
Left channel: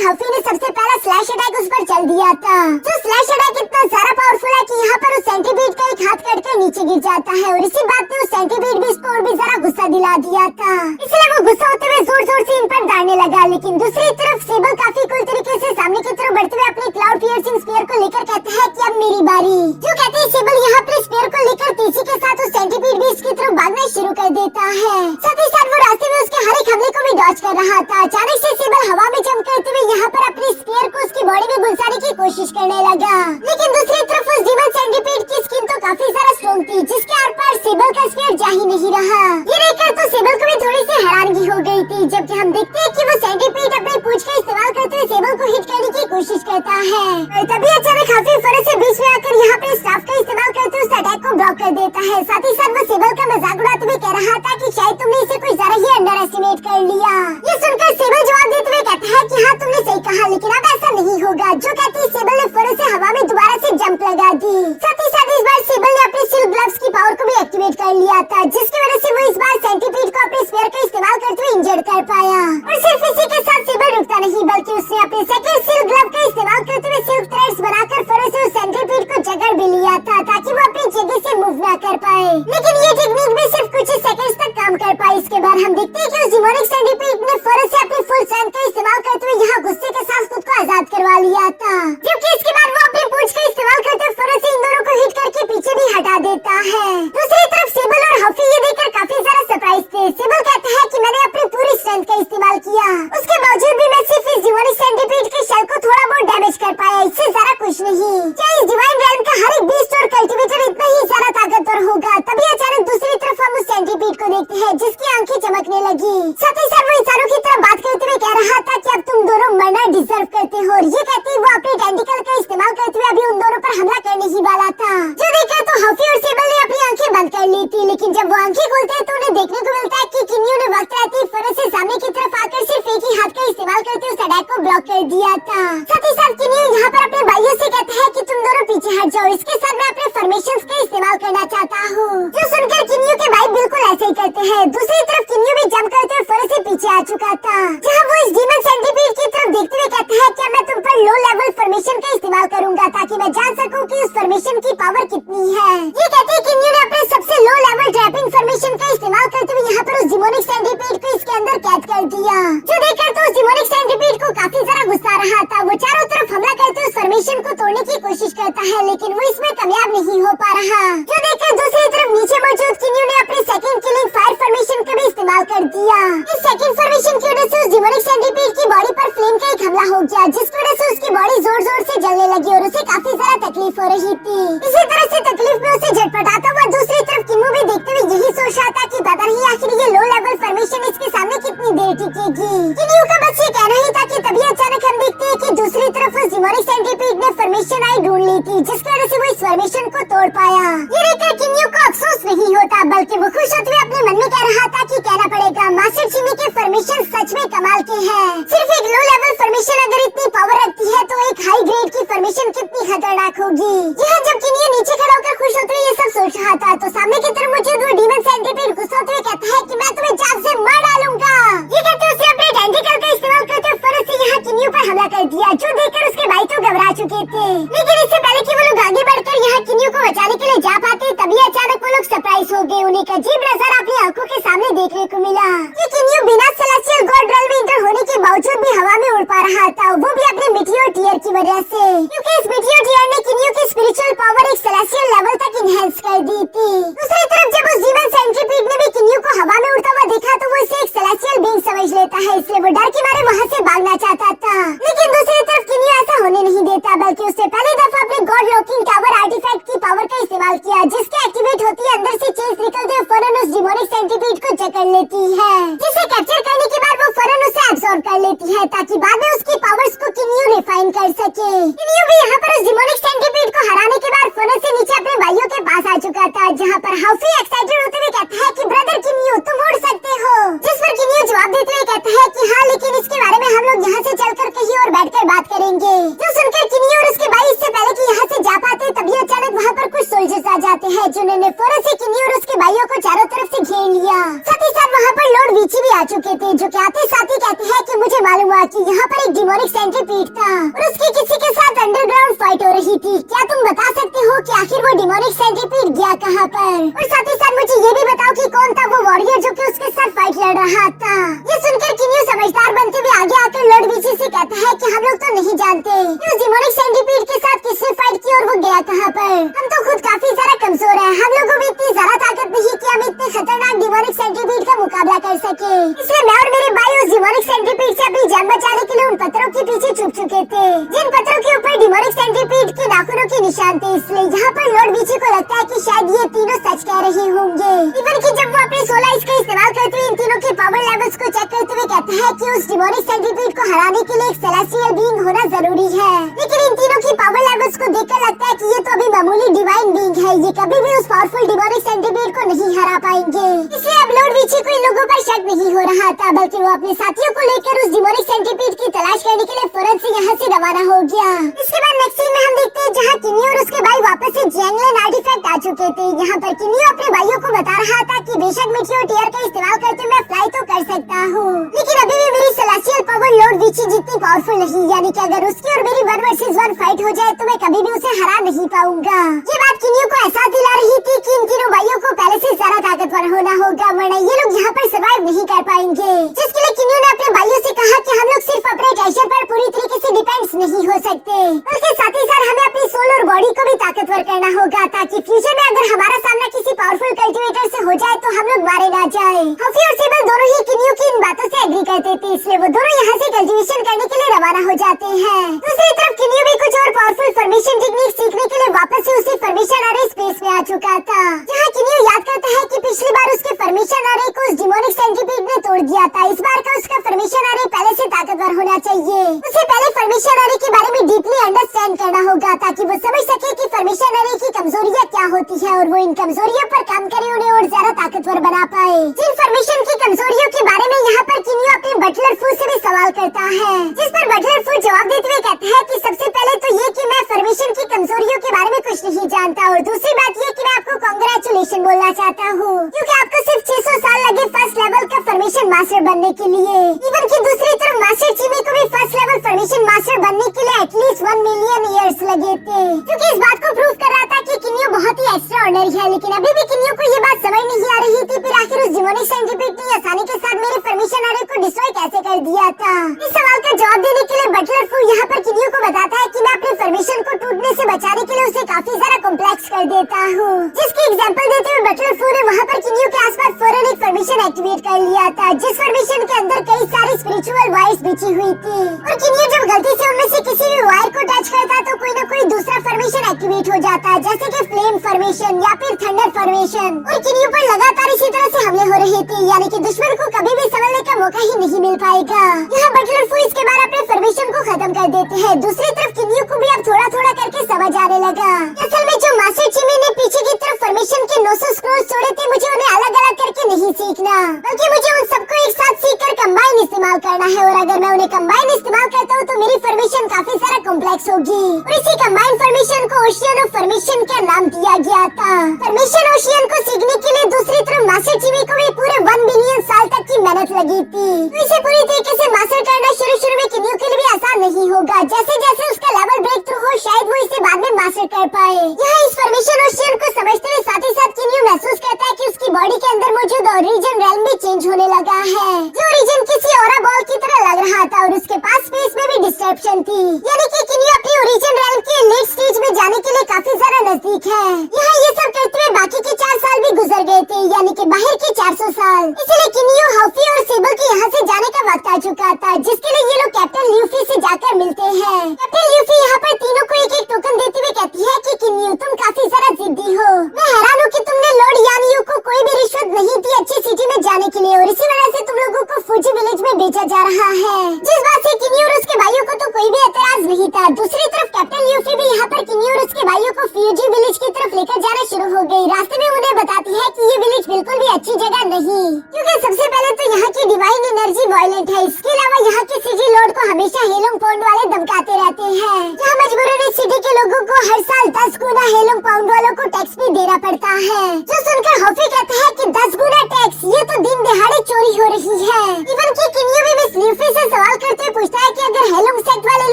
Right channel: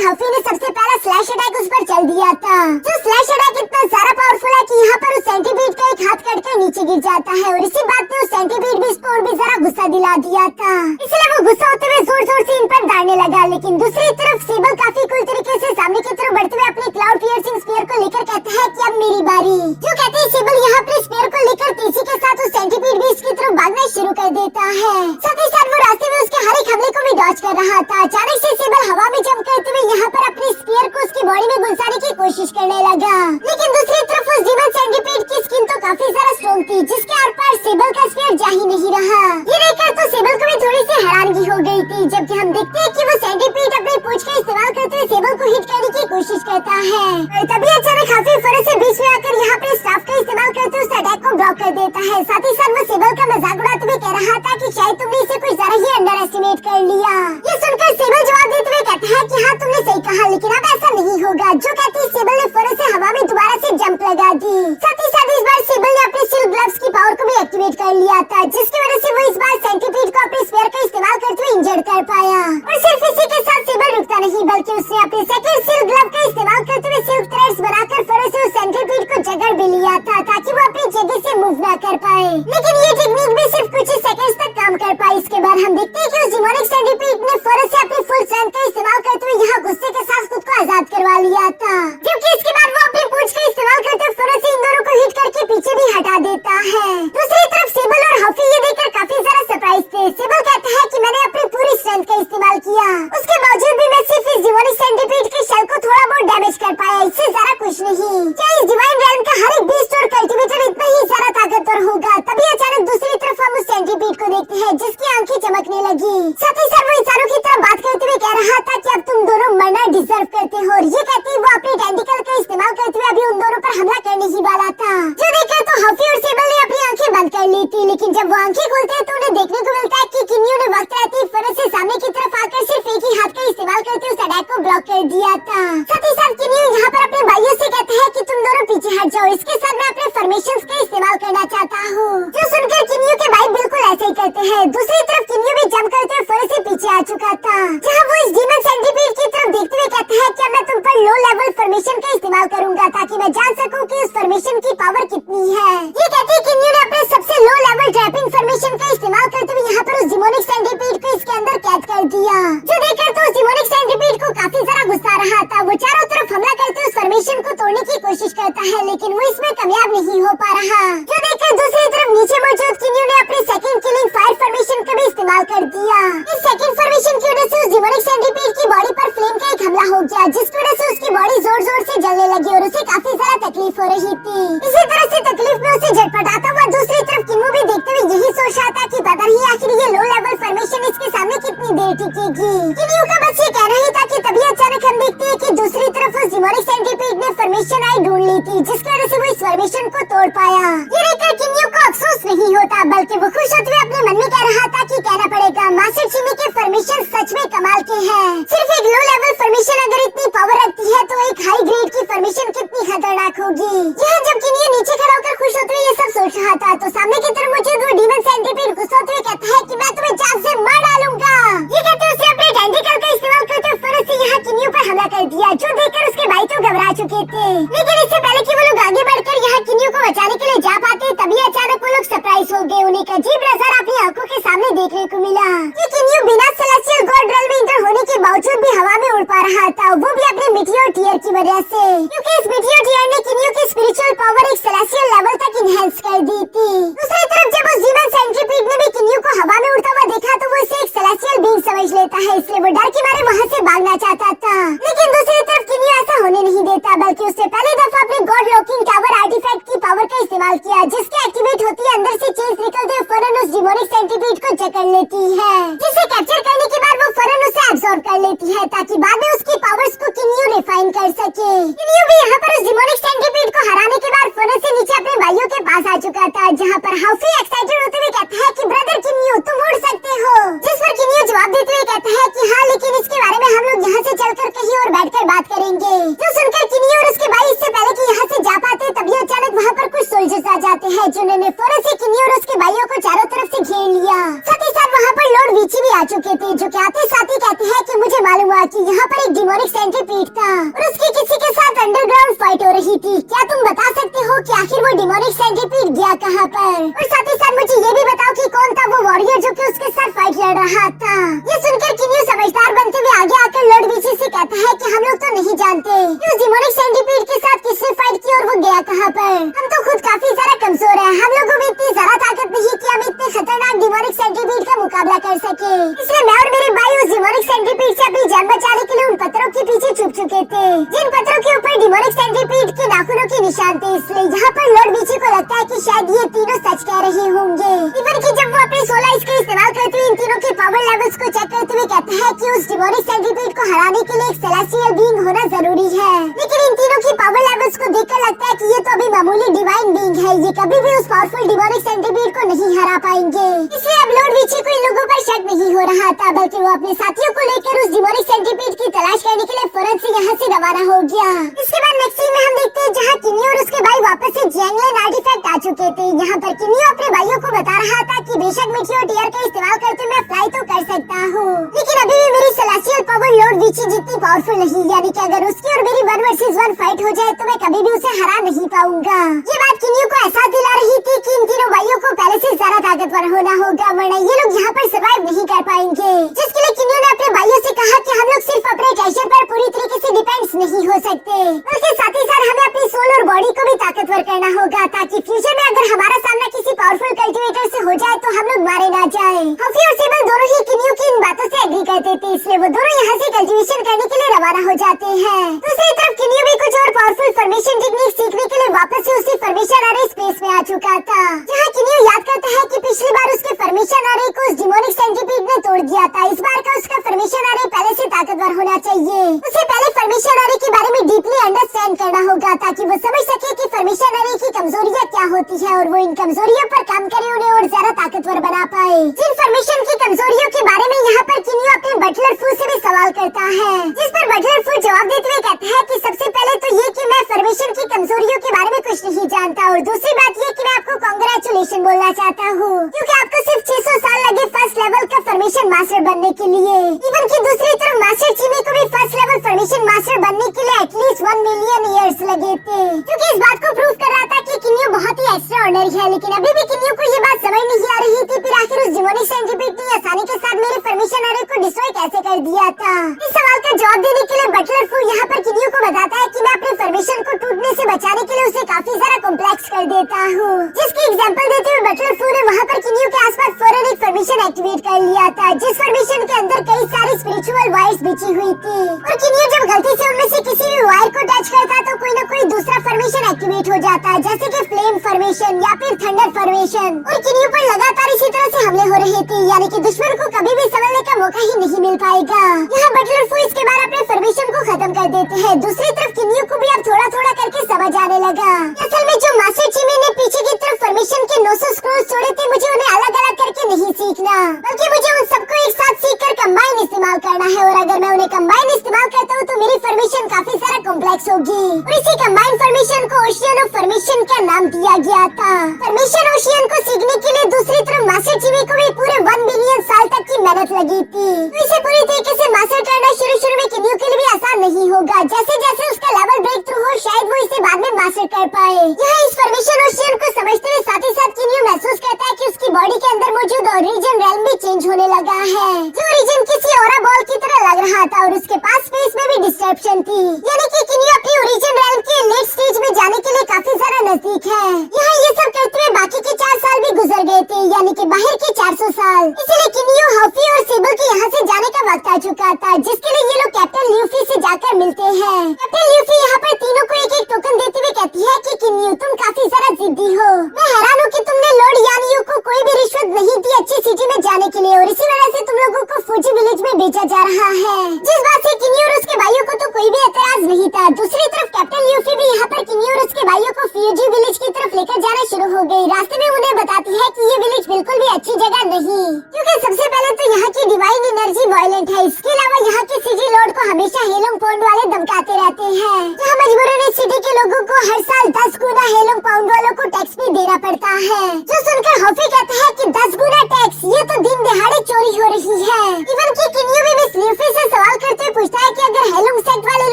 तक हफी ने सबसे पहला स्लैश अटैक उस पर चल दिया था। जो स्लैश अटैक इतना ज्यादा पावरफुल है कि यहाँ पर उस सेंटीपीड का एक हाथ कट कर नीचे गिर जाता है और इसी बात ने उस सेंटीपीड भी इस पर और भी जरा गुस्सा दिला दिया था। इसलिए वो गुस्सा होते हुए जोर जोर से इन पर दाड़ने लगा। लेकिन दूसरी तरफ सेबल काफी कूल तरीके से सामने की तरफ बढ़ते हुए अपने क्लाउड पियर्सिंग स्फीयर को लेकर कहता है कि अब मेरी बारी। जो कहते हैं सेबल यहाँ पर स्फीयर को लेकर तेजी के साथ उस सेंटीपीड भी इसकी तरफ भागना शुरू कर देता है। साथ ही साथ वो रास्ते में उसके हर एक हमले को भी डॉज कर रहा था। अचानक से सेबल हवा में जंप करते हुए यहाँ पर अपने स्फीयर को उसकी बॉडी में घुसाने की कोशिश करने लगा। लेकिन दूसरी तरफ उस डीमन सेंटीपीड की स्किन तो काफी ज्यादा स्ट्रॉन्ग थी, जिसके आर पार सेबल का स्फीयर जा ही नहीं रहा। ये देखकर तो सेबल को भी थोड़ी सी हैरानगी हो गई थी। जबकि हम देखते हैं कि वो सेंटीपीड अपनी पूंछ का इस्तेमाल करते हुए सेबल को हिट करने की कोशिश करता है। तभी अचानक हफी फौरन से बीच में आकर यहाँ पे स्टाफ का इस्तेमाल करते हुए उस अटैक को ब्लॉक कर देता है। साथ ही साथ वो सेबल का मजाक उड़ाते हुए कह रहा था कि शायद तुमने इसे कुछ ज्यादा ही अंडर एस्टिमेट कर लिया। ये सुनकर सेबल जवाब देते हुए कहता है कि हाँ तुमने सही कहा, लेकिन अब ऐसा नहीं होगा। जो कहती है सेबल ने फौरन से हवा में दोबारा से जंप लगा दी। साथ ही साथ इस बार सेबल ने अपने सिल्क ग्लव्स की पावर को भी एक्टिवेट कर लिया था, जिसकी वजह से वो इस बार सेंटीपीड को अपने स्फीयर का इस्तेमाल करते हुए इंजर्ड कर पाया। और सिर्फ इसी के साथ सेबल रुकता नहीं, बल्कि उसने अपने सेकंड सिल्क ग्लव का इस्तेमाल करते हुए सिल्क थ्रेड्स बनाकर फौरन से उस सेंटीपीड को जकड़ भी लिया था, ताकि वो अपनी जगह से मूव ना कर पाए। लेकिन ये टेक्निक भी सिर्फ कुछ ही सेकंड्स तक काम कर पाई। इसके बाद हम देखते हैं कि उस डिमोनिक सेंटीपीड ने फौरन से अपनी फुल स्ट्रेंथ का इस्तेमाल करते हुए यहाँ गुस्से के साथ खुद को आजाद करवा लिया था। जबकि इसके बाद वो अपनी पूंछ का इस्तेमाल करते हुए फौरन से इन दोनों को हिट करके पीछे भी हटा देता है। दूसरी तरफ सेबल और हफी ये देखकर काफी ज्यादा सरप्राइज थे। सेबल कहता है कि मैंने अपनी पूरी स्ट्रेंथ का इस्तेमाल किया, उसके बावजूद भी मैं सिर्फ इस डिमोनिक सेंटीपीड के शेल को थोड़ा बहुत डैमेज कर पाया, इससे ज्यादा कुछ नहीं। क्या इस डिवाइन रेल्म का हर एक बीस्ट और कल्टीवेटर इतना ही ज्यादा ताकतवर होगा? तभी अचानक दूसरी तरफ हम उस सेंटीपीड को देखते हैं, जिसकी आंखें चमकने लगी। साथ ही साथ वो इंसानों की तरह बात करते हुए कह रहा था कि अब तुम दोनों मरना डिजर्व करते हो। और ये कहते वो अपनी टेंटिकल का इस्तेमाल करते हुए अभी उन दोनों पर हमला करने ही वाला था। जो देखकर तो हफी और सेबल ने अपनी आंखें बंद कर ली थी। लेकिन जब वो आंखें खोलते हैं तो उन्हें देखने को मिलता है कि किन्यू ने वक्त रहते फौरन से सामने की तरफ आकर सिर्फ एक ही हाथ का इस्तेमाल करते उस अटैक को ब्लॉक कर दिया था। साथ ही साथ किन्यू यहाँ पर अपने भाइयों से कहता है कि तुम दोनों पीछे हट जाओ, इसके साथ मैं अपने फॉर्मेशंस का इस्तेमाल करना चाहता हूँ। जो सुनकर किन्यू के भाई बिल्कुल ऐसे ही करते हैं। दूसरी तरफ किन्यू भी जंप करते हुए फौरन से पीछे आ चुका था, जहाँ वो इस डीमन सेंटीपीड की तरफ देखते हुए कहता है कि मैं तुम पर लो लेवल फॉर्मेशन का इस्तेमाल करूंगा, ताकि मैं जान सकूं कि उस फॉर्मेशन की पावर कितनी है। ये कहते हैं किन्यू ने अपने सबसे लो लेवल ट्रैपिंग फॉर्मेशन का इस्तेमाल करते हुए यहाँ पर उस डिमोनिक सेंटीपीड को इसके अंदर कैद कर दिया। जो देखकर तो उस डिमोनिक सेंटीपीड को काफी ज्यादा गुस्सा आ रहा था। वो चारों तरफ हमला करते उस फॉर्मेशन को तोड़ने की कोशिश करता है, लेकिन वो इसमें कामयाब नहीं हो पा रहा। जो देखकर दूसरी तरफ नीचे मौजूद किन्यू ने अपने सेकंड किलिंग फायर फॉर्मेशन का भी इस्तेमाल कर दिया। इस सेकंड फॉर्मेशन की वजह से उस डिमोनिक सेंटीपीड की बॉडी पर फ्लेम का एक हमला हो गया, जिसकी वजह से उसकी बॉडी जोर जोर से जलने लगी और उसे काफी ज्यादा तकलीफ हो रही थी। इसी तरह से तकलीफ में उसे झटपटाता हुआ दूसरी तरफ किन्यू भी देखते हुए यही सोच रहा था कि पता नहीं आखिर ये लो लेवल फॉर्मेशन इसके सामने कितनी देर टिकेगी। किन्यू का बस ये कहना ही था कि तभी अचानक हम देखते हैं कि दूसरी तरफ उस डिमोनिक सेंटीपीड ने फॉर्मेशन आई ढूंढ ली थी, जिसकी वजह से वो इस फॉर्मेशन को तोड़ पाया। ये देखकर किन्यू को अफसोस नहीं होता, बल्कि वो खुश होते हुए अपने मन में कह रहा था कि कहना पड़ेगा मास्टर चिमी के फॉर्मेशन सच में कमाल के हैं। सिर्फ एक लो लेवल फॉर्मेशन अगर इतनी पावर रखती है तो एक हाई ग्रेड की फॉर्मेशन कितनी खतरनाक होगी। यहाँ जब किन्यू नीचे खड़ा होकर खुश होते हुए ये सब सोच रहा था तो सामने की तरफ मुझे वो डीमन सेंटीपीड गुस्सा होते हुए कहता है कि मैं तुम्हें जान से मार डालूंगा। ये कहते उसने अपने टेंटिकल का इस्तेमाल करते हुए फौरन से यहाँ किन्यू पर हमला कर दिया, जो देखकर उसके भाई तो घबरा चुके थे। लेकिन इससे पहले कि वो लोग आगे बढ़कर यहाँ किन्यू को बचाने के लिए जा पाते तभी अचानक वो लोग सरप्राइज हो गए। उन्हें एक अजीब नजारा अपनी आंखों के सामने देखने को मिला। ये किन्यू बिना सेलेस्टियल गॉड रेल्म में इंटर होने के बावजूद भी हवा में उड़ पा रहा था, वो भी अपने मिटियोर टीयर की वजह से, क्योंकि इस मिटियोर टीयर ने किन्यू की स्पिरिचुअल पावर एक सेलेस्टियल लेवल तक इनहेंस कर दी थी। दूसरी तरफ जब उस डीमन सेंटीपीड ने भी किन्यू को हवा में उड़ता हुआ देखा तो वो इसे एक सेलेस्टियल बीइंग समझ लेता है, इसलिए वो डर के मारे वहाँ से भागना चाहता था। लेकिन दूसरी तरफ किन्यू ऐसा होने नहीं देता, बल्कि उसने पहली दफा अपने गॉड लॉकिंग टावर आर्टिफैक्ट की पावर का इस्तेमाल किया, जिसके एक्टिवेट होती है अंदर से चेंज निकलते हुए फौरन उस डिमोनिक सेंटीपीड को जकड़ लेती है, जिसे कैप्चर करने के बाद वो फौरन उसे एब्सॉर्ब कर लेती है, ताकि बाद में उसकी पावर्स को किन्यू रिफाइन कर सके। किन्यू भी यहाँ पर उस डिमोनिक सेंटीपीड को हराने के बाद फौरन से नीचे अपने भाइयों के पास आ चुका था, जहाँ पर हफी एक्साइटेड होते हुए कहता है कि ब्रदर किन्यू तुम उड़ सकते हो। जिस पर किन्यू जवाब देते हुए कहता है कि हाँ, लेकिन इसके बारे में हम लोग यहाँ से चलकर कहीं और बैठकर बात करेंगे। जो सुनकर किन्यू और उसके भाई इससे पहले कि यहाँ से जा पाते तभी अचानक वहाँ पर कुछ सोल्जर्स आ जाते हैं, जिन्होंने फौरन से किन्यू और उसके भाइयों को चारों तरफ से घेर लिया। साथ ही साथ वहाँ पर लॉर्ड विची भी आ चुके थे, जो कि आते साथ ही कहते हैं कि मुझे मालूम हुआ कि यहाँ पर एक डिमोनिक सेंट्रीपीड था और उसकी किसी के साथ अंडरग्राउंड फाइट हो रही थी। क्या तुम बता सकते हो कि आखिर वो डिमोनिक सेंट्रीपीड गया कहाँ पर? और साथ ही साथ मुझे ये भी बताओ कि कौन था वो वॉरियर जो कि उसके साथ फाइट लड़ रहा था। ये सुनकर किन्यू समझदार बनते हुए आगे आकर लॉर्ड विची से कहता है कि हम लोग तो नहीं जानते उस डिमोनिक सेंट्रीपीड के साथ किसने फाइट की और वो गया कहाँ पर। हम तो खुद काफी सारा कमजोर है, हम लोगों में इतनी ज्यादा ताकत नहीं कि हम इतने खतरनाक डिमोनिक सेंट्रीपीड का मुकाबला कर सके। इसलिए मैं और मेरे भाई उस डिमोनिक सेंट्रीपीड से अपनी जान बचाने के लिए उन पत्थरों के पीछे छुप चुके थे जिन पत्थरों के ऊपर डिमोनिक सेंट्रीपीड के नाखूनों के निशान थे। इसलिए यहाँ पर लॉर्ड विची को लगता है कि शायद ये तीनों सच कह रहे होंगे। इवन कि जब वो अपनी 16 इसका इस्तेमाल करते हुए इन तीनों के पावर लेवल्स को चेक करते हुए कहता है कि उस डिमोनिक सेंट्रीपीड को हराने के लिए एक सेलेस्टियल बीइंग होना जरूरी है। लेकिन इन तीनों की पावर लेवल्स को देखकर लगता है कि ये तो अभी मामूली डिवाइन बीइंग है, ये कभी भी उस पावरफुल डिमोनिक सेंट्रीपीड को नहीं हरा पाएंगे। इसलिए अब लॉर्ड विची को इन लोगों पर शक नहीं हो रहा था, बल्कि वो अपने साथियों को लेकर उस डिमोनिक सेंट्रीपीड की तलाश करने के लिए फौरन से यहाँ से रवाना हो गया। इसके बाद नेक्स्ट सीन में हम देखते हैं जहाँ किन्यू और उसके भाई वापस से जैंगलैंड आर्टिफैक्ट आ चुके थे। यहाँ पर किन्यू अपने भाइयों को बता रहा था कि बेशक मीटियोर टीयर का इस्तेमाल करते मैं फ्लाई तो कर सकता हूँ, लेकिन अभी भी मेरी सेलेस्टियल पावर लॉर्ड विची जितनी पावरफुल नहीं, यानी कि अगर उसकी और मेरी 1 वर्सेस 1 फाइट हो जाए तो मैं कभी भी उसे हरा नहीं पाऊंगा। ये बात किन्यू को एहसास दिला रही थी कि इन तीनों भाइयों को पहले से ज्यादा ताकतवर होना होगा, वरना ये लोग यहाँ पर सर्वाइव नहीं कर पाएंगे। जिसके लिए किन्यू ने अपने भाइयों से कहा कि हम लोग सिर्फ अपने टेंशन पर पूरी तरीके से डिपेंड नहीं हो सकते, बल्कि साथ ही साथ हमें अपनी सोल और बॉडी को भी ताकतवर करना होगा ताकि फ्यूचर में अगर हमारा सामना किसी पावरफुल कल्टिवेटर से हो जाए तो हम लोग मारे ना जाए। हफी और सिबल दोनों ही किन्यू की इन बातों से एग्री करते थे, इसलिए वो दोनों यहाँ से कल्टिवेशन करने के लिए रवाना हो जाते हैं। दूसरी तरफ किन्यू भी कुछ और पावरफुल फॉर्मेशन टेक्निक सीखने के लिए वापस से उसी फॉर्मेशन अरे स्पेस में आ चुका था, जहाँ किन्यू याद करता है कि पिछली बार उसके फॉर्मेशन अरे को उस डिमोनिक सेंट्रीपीड ने तोड़ दिया था। इस बार का उसका फॉर्मेशन अरे पहले से ताकतवर होना चाहिए। उसे पहले फॉर्मेशन अरे के बारे में डीपली अंडरस्टैंड करना होगा ताकि वो समझ सके कि फॉर्मेशन अरे की कमजोरियाँ क्या होती है और वो इन कमजोरियों पर काम करे, उन्हें और ज्यादा ताकतवर बना पाए। जिन फॉर्मेशन की कमजोरियों के बारे में यहाँ पर किन्यू अपने बटलर फू से भी सवाल करता है, जिस पर बटलर फू जवाब देते हुए कहता है कि सबसे पहले तो ये कि मैं फॉर्मेशन की कमजोरियों के बारे में कुछ नहीं जानता, और दूसरी बात ये कि मैं आपको कांग्रेचुलेशन बोलना चाहता हूँ क्योंकि आपको सिर्फ 600 साल लगे फर्स्ट लेवल का फॉर्मेशन मास्टर बनने के लिए। इवन की दूसरी तरफ मास्टर चिमी को भी फर्स्ट लेवल फॉर्मेशन मास्टर बनने के लिए एटलीस्ट 1 मिलियन ईयर्स लगे थे, जो कि इस बात को प्रूव कर रहा था कि किन्यू बहुत ही एक्स्ट्राऑर्डिनरी है। लेकिन अभी भी किन्यू को ये बात समझ नहीं आ रही थी फिर आखिर उस डिमोनिक सेंट्रीपीड ने आसानी के साथ मेरे फॉर्मेशन अरे को डिस्ट्रॉय कैसे कर दिया था। इस सवाल का जवाब देने के लिए बटलर फू यहाँ पर किन्यू को बताता है कि मैं अपने फॉर्मेशन को टूटने से बचाने के लिए उसे काफी ज्यादा कॉम्प्लेक्स कर देता हूँ, जिसकी एग्जांपल देते हुए बटलर फू ने वहाँ पर किन्यू के आसपास फौरन एक फॉर्मेशन एक्टिवेट कर लिया था, जिस फॉर्मेशन के अंदर कई सारी स्पिरिचुअल वायर्स बिछी हुई थी, और किन्यू जब गलती से उनमें से किसी भी वायर को टच करता तो कोई न कोई दूसरा फॉर्मेशन एक्टिवेट हो जाता, जैसे कि फ्लेम फॉर्मेशन या फिर थंडर फॉर्मेशन। और किन्यू पर लगातार इसी तरह से हमले हो रहे थे, यानी कि दुश्मन को कभी भी संभलने का मौका ही नहीं मिल पाएगा। यहाँ बटलर फू इसके बाद अपने फॉर्मेशन को खत्म कर देते हैं। दूसरी तरफ किन्यू को भी अब थोड़ा थोड़ा करके समझ आने लगा। असल में जो मास्टर चिमी ने पीछे की तरफ फॉर्मेशन के 900 स्क्रोल्स छोड़े थे, मुझे उन्हें अलग अलग करके नहीं सीखना, बल्कि मुझे उन सबको एक साथ सीखकर कंबाइन इस्तेमाल करना है, और अगर मैं उन्हें कंबाइन इस्तेमाल करता हूँ तो मेरी फॉर्मेशन काफी सारा कॉम्प्लेक्स होगी। और इसी कंबाइन फॉर्मेशन को ओशियन ऑफ फॉर्मेशन का नाम दिया गया था। फॉर्मेशन ओशियन को सीखने के लिए दूसरी तरफ मास्टर चिमी को भी पूरे 1 बिलियन साल तक की मेहनत लगी थी। तो इसे पूरी तरीके से मास्टर करना शुरू में किन्यू के लिए भी आसान नहीं होगा, जैसे जैसे उसका लेवल ब्रेक थ्रू हो शायद वो इसे बाद में मास्टर कर पाए। यहाँ इस फॉर्मेशन ओशियन को समझते हुए साथ ही साथ किन्यू महसूस करता है कि उसकी बॉडी के अंदर मौजूद ओरिजिन रेल्म भी चेंज होने लगा है, जो ओरिजिन किसी ऑरा बॉल की तरह लग रहा था, और उसके पास स्पेस में भी डिस्ट्रप्शन थी, यानी कि किन्यू अपनी ओरिजिन रेल्म के लेट स्टेज में जाने के लिए काफी ज्यादा नजदीक है। यहाँ ये सब करते हुए बाकी के 4 साल भी गुजर गए थे, यानी कि बाहर के 400 साल। इसलिए किन्यू, हफी और सेबल के यहाँ से जाने का वक्त आ चुका था, जिसके लिए ये लोग कैप्टन ल्यूफी से जाकर मिलते हैं। कैप्टन ल्यूफी यहाँ पर तीनों को एक एक टोकन देते हुए कहती है कि किन्यू तुम काफी सारा जिद्दी हो, मैं हैरान हूँ कि तुमने लॉर्ड यानियो को कोई भी रिश्वत नहीं दी अच्छी सिटी में जाने के लिए, और इसी वजह से तुम लोगों को फूजी विलेज में भेजा जा रहा है। जिस बात से किन्यू और उसके भाइयों को तो कोई भी एतराज नहीं था। दूसरी तरफ कैप्टन ल्यूफी भी यहाँ पर किन्यू और उसके भाइयों को फ्यूजी विलेज की तरफ लेकर जाना शुरू हो गई। रास्ते में उन्हें बताती है कि ये विलेज बिल्कुल भी अच्छी जगह नहीं, क्योंकि सबसे पहले तो यहाँ की डिवाइन एनर्जी वायलेंट है। इसके अलावा यहाँ के सिटी लॉर्ड को हमेशा हेलोंग पाउंड वाले धमकाते रहते हैं, जहाँ मजबूरन इस सिटी के लोगों को हर साल 10 गुना हेलोंग पाउंड वालों को टैक्स भी देना पड़ता है, जो सुनकर हॉफी कहता है कि 10 गुना टैक्स, ये तो दिन दहाड़े चोरी हो रही है। इवन की किन्यू भी मिस ल्यूफी से सवाल करते